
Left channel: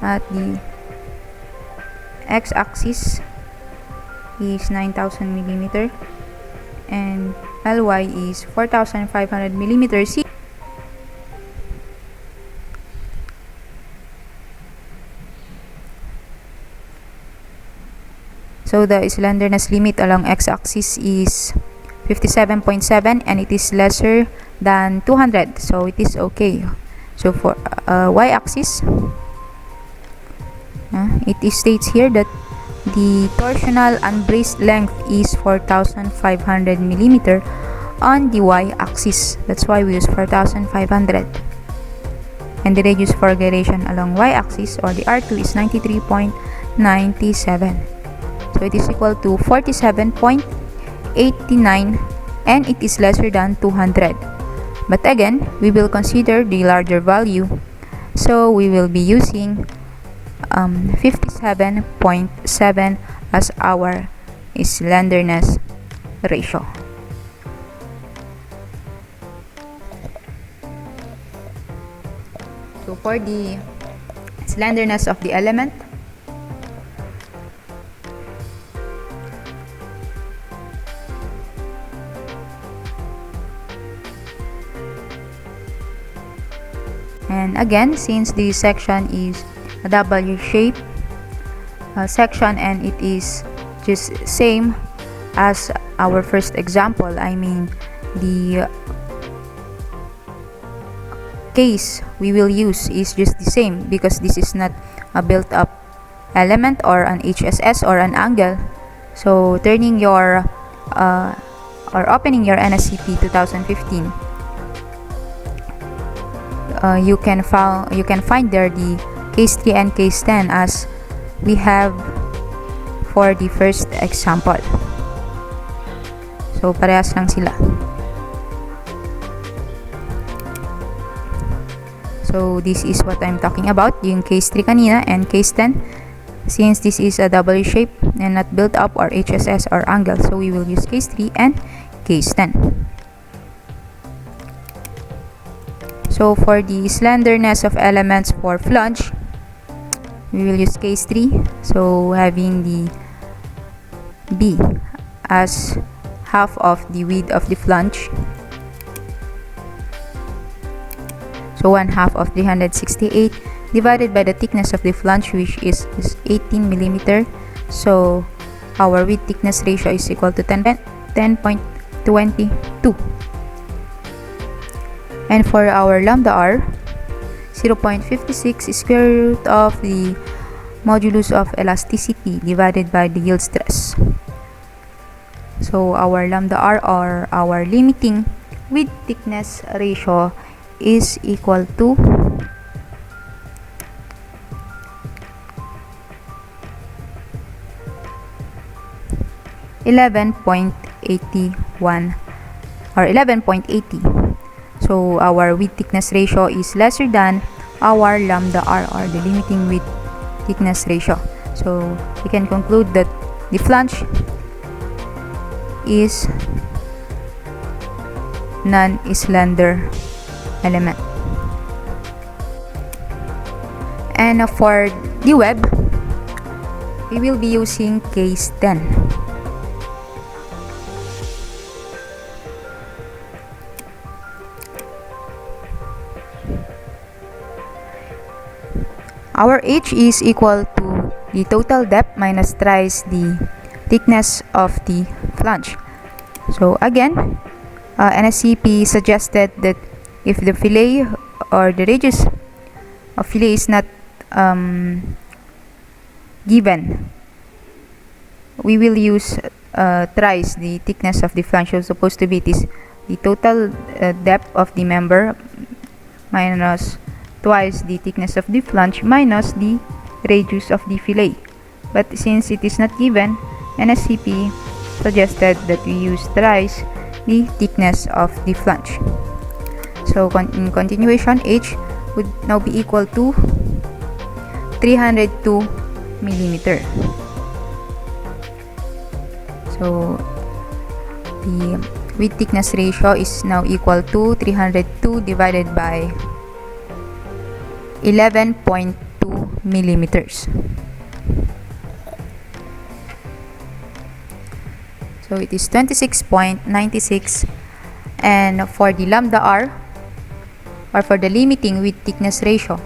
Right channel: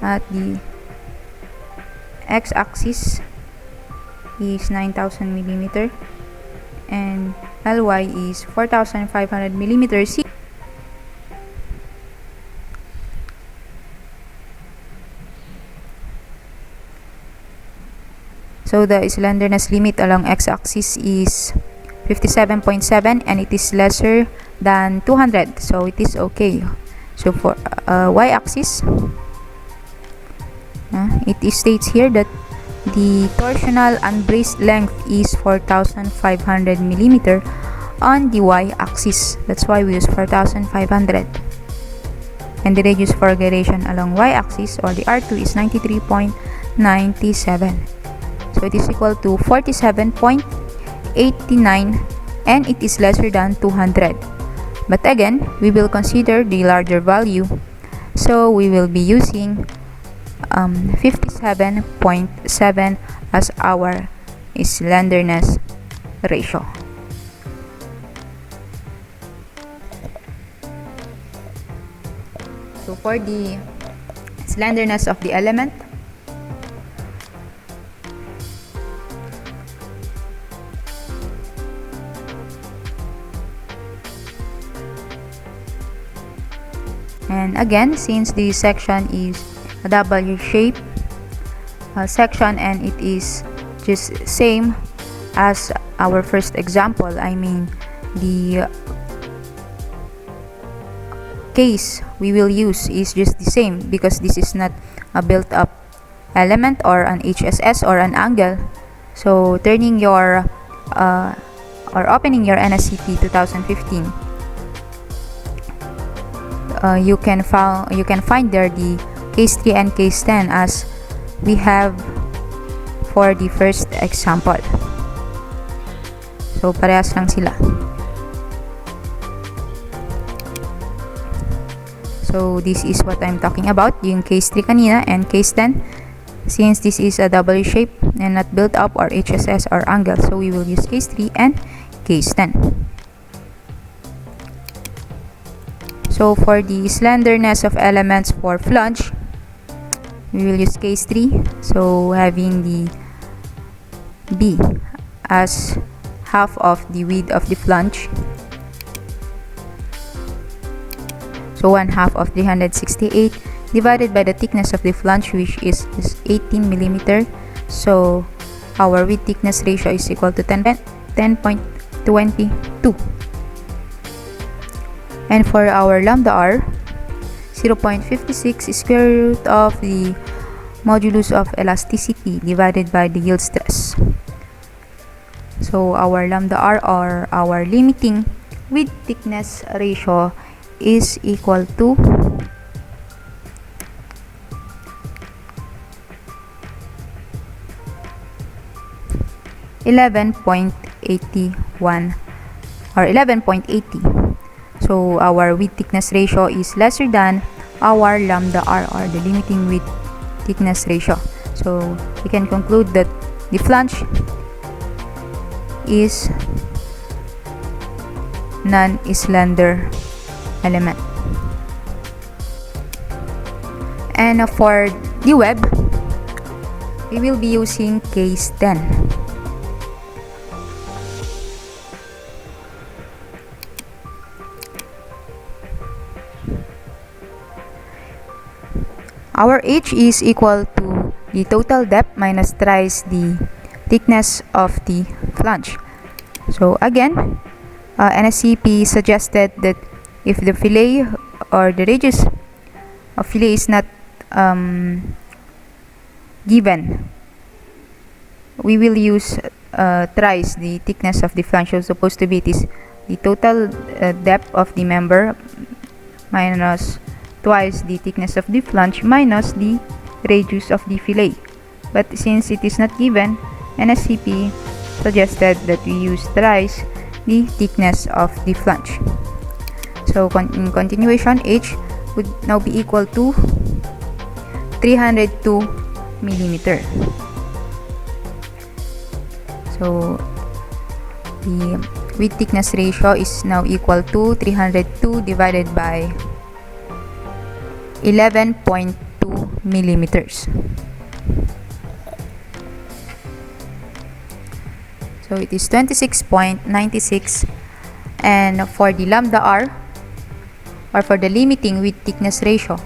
at the x-axis is 9,000 millimeter and Ly is 4,500 millimeters. So the slenderness limit along x-axis is 57.7 and it is lesser than 200, so it is okay. So for y-axis, it states here that the torsional unbraced length is 4,500 millimeter on the y-axis. That's why we use 4,500. And the radius for gyration along y-axis or the R2 is 93.97. So it is equal to 47.89 and it is lesser than 200. But again, we will consider the larger value. So we will be using 57.7 as our slenderness ratio. So for the slenderness of the element, and again, since the section is a W shape section and it is just same as our first example, I mean the case we will use is just the same because this is not a built-up element or an HSS or an angle. So turning your or opening your NSCP 2015, you can find there the case 3 and case 10 as we have for the first example. So parehas lang sila. So this is what I'm talking about, yung case 3 kanina and case 10. Since this is a W shape and not built up or HSS or angle, so we will use case 3 and case 10. So for the slenderness of elements for flange, we will use case 3. So having the B as half of the width of the flange. So 1/2 of 368 divided by the thickness of the flange, which is 18 millimeter. So our width thickness ratio is equal to 10.22. And for our lambda R, 0.56 square root of the modulus of elasticity divided by the yield stress. So our lambda R or our limiting width thickness ratio is equal to 11.81 or 11.80. So our width thickness ratio is lesser than our lambda R or the limiting width thickness ratio. So we can conclude that the flange is non-slender element. And for the web, we will be using case 10. Our H is equal to the total depth minus thrice the thickness of the flange. So again, NSCP suggested that if the fillet or the radius of fillet is not given, we will use thrice the thickness of the flange. So supposed to be this the total depth of the member minus twice the thickness of the flange minus the radius of the fillet. But since it is not given, NSCP suggested that we use thrice the thickness of the flange. So in continuation, H would now be equal to 302 millimeter. So the width thickness ratio is now equal to 302 divided by 11.2 millimeters. So it is 26.96, and for the lambda r, or for the limiting width thickness ratio,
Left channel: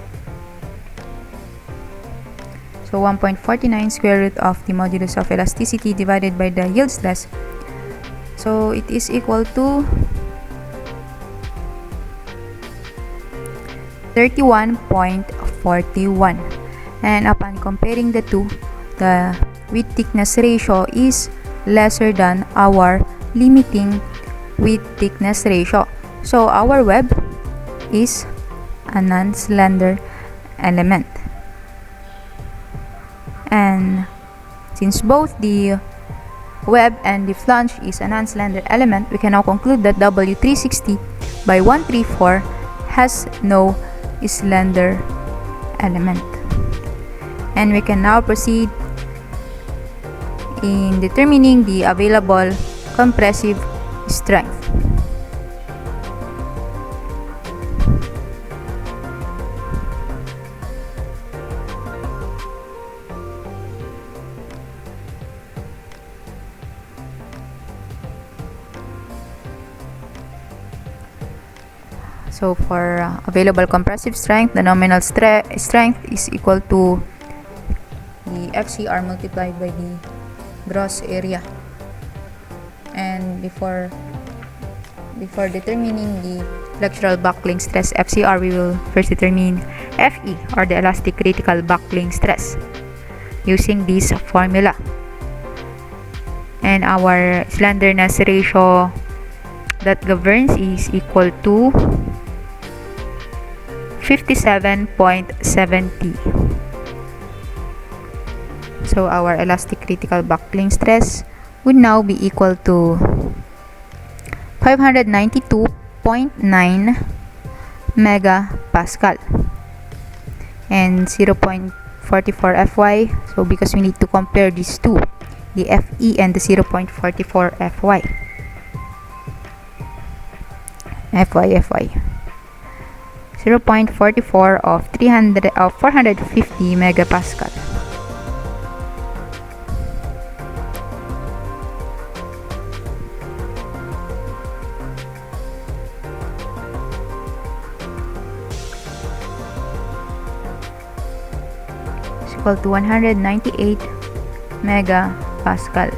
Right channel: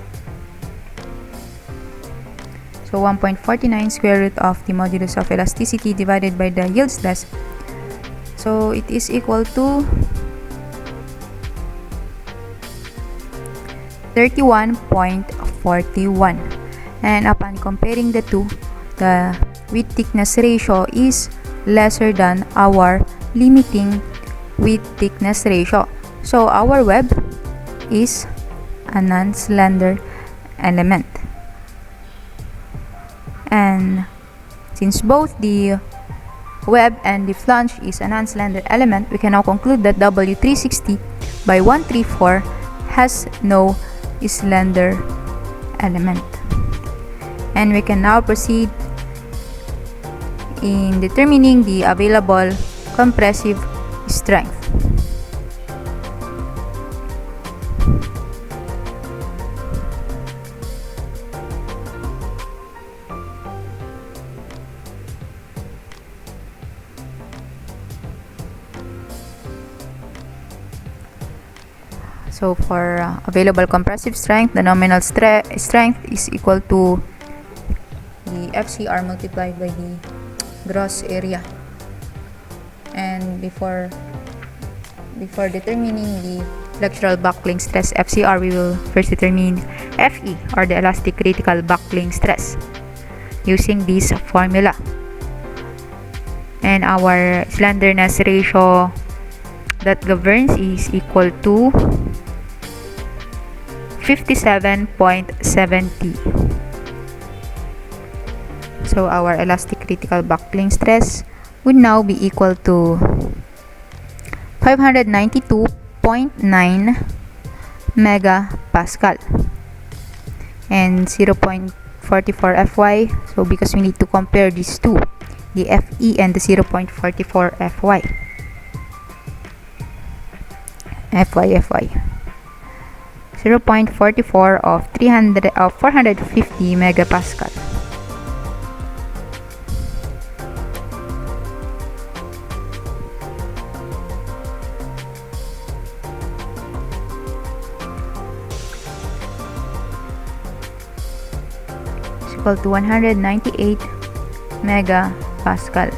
so 1.49 square root of the modulus of elasticity divided by the yield stress, so it is equal to 31.41, and upon comparing the two, the width thickness ratio is lesser than our limiting width thickness ratio. So our web is a non-slender element. And since both the web and the flange is a non-slender element, we can now conclude that W360 by 134 has no slender element. And we can now proceed in determining the available compressive strength. So for available compressive strength, the nominal strength is equal to the FCR multiplied by the gross area. And before determining the flexural buckling stress FCR, we will first determine FE, or the elastic critical buckling stress, using this formula. And our slenderness ratio that governs is equal to 57.70. So our elastic critical buckling stress would now be equal to 592.9 megapascal and 0.44 Fy. So because we need to compare these two, the Fe and the 0.44 Fy. Fy. 0.44 of 450 megapascal. Equal to 198 megapascal.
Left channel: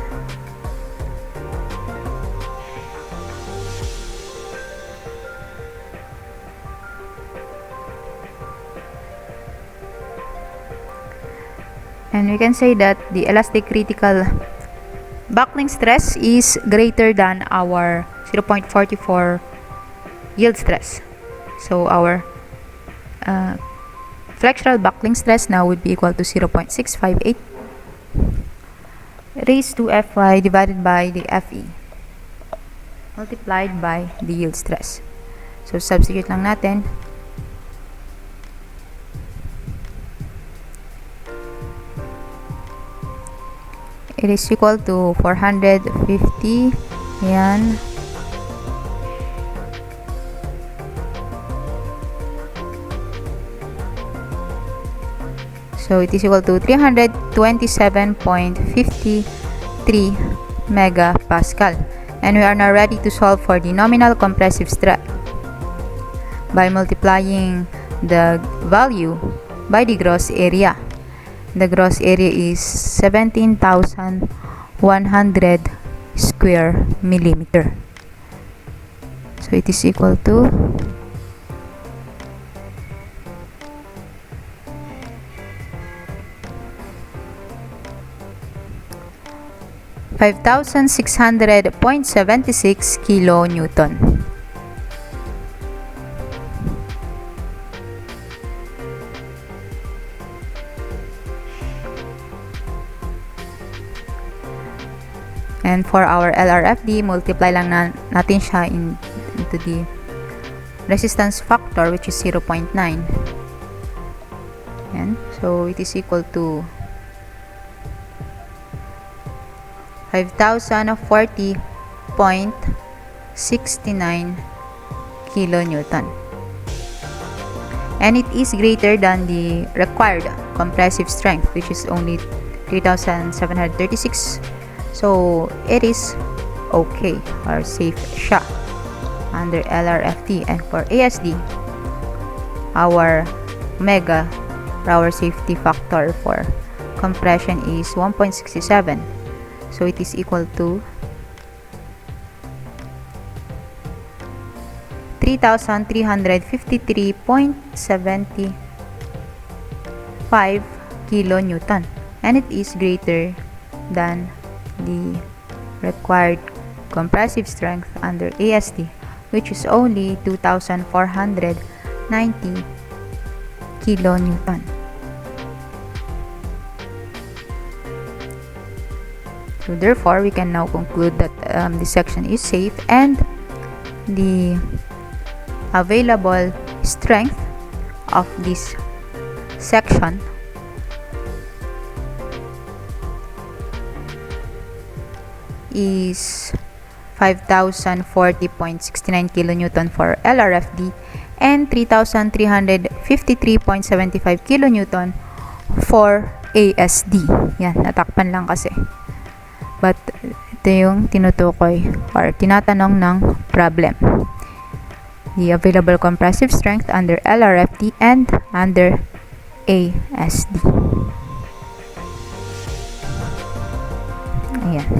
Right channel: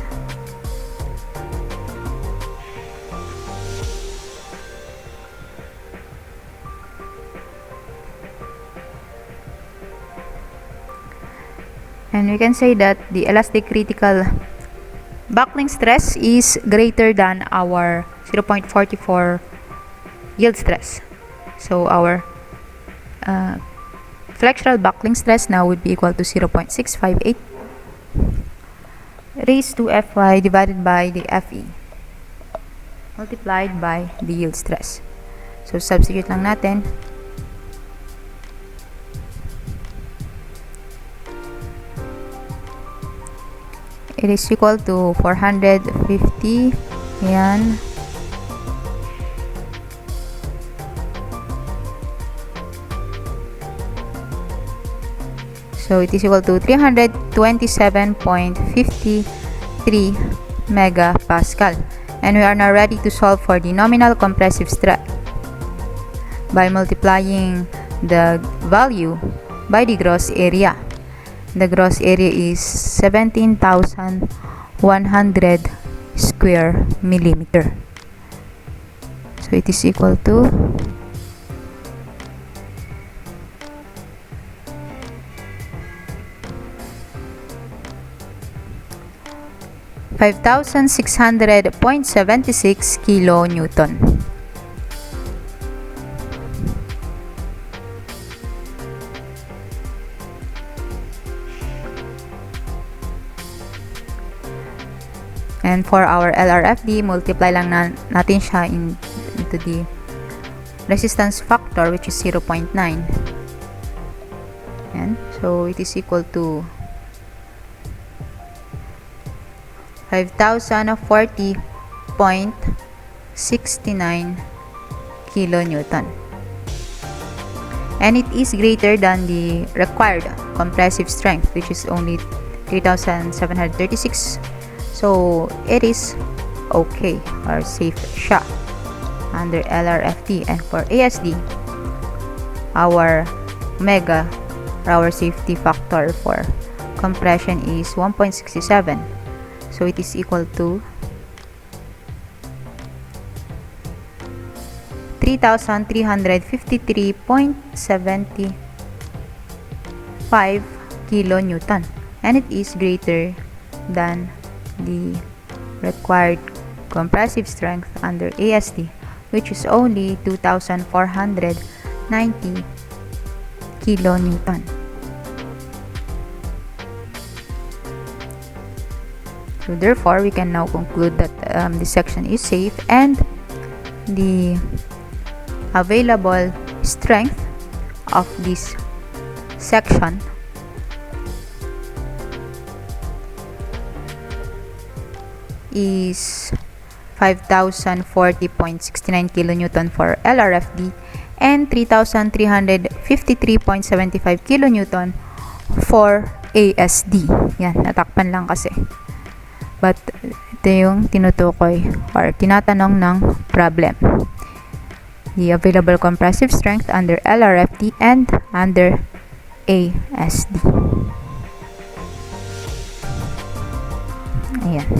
And we can say that the elastic critical buckling stress is greater than our 0.44 yield stress. So our flexural buckling stress now would be equal to 0.658 raised to Fy divided by the Fe multiplied by the yield stress. So substitute lang natin. It is equal to 450. Yan. So it is equal to 327.53 megapascal. And we are now ready to solve for the nominal compressive stress by multiplying the value by the gross area. The gross area is 17,100 square millimeter. So it is equal to 17,100 5,600.76 kilonewton. And for our Lrft, multiply lang natin siya into the resistance factor, which is 0.9. And so it is equal to 5,040.69 kilonewton. And it is greater than the required compressive strength, which is only 3,736. So it is okay, or safe shot under Lrft. And for ASD, our safety factor for compression is 1.67. So it is equal to 3,353.75 kilonewton, and it is greater than the required compressive strength under ASD, which is only 2,490 kilonewton. So therefore, we can now conclude that this section is safe, and the available strength of this section is 5,040.69 kilonewton for Lrft and 3,353.75 kilonewton for ASD. Yan, natakpan lang kasi. But ito yung tinutukoy or tinatanong ng problem. The available compressive strength under Lrft and under ASD. Ayan.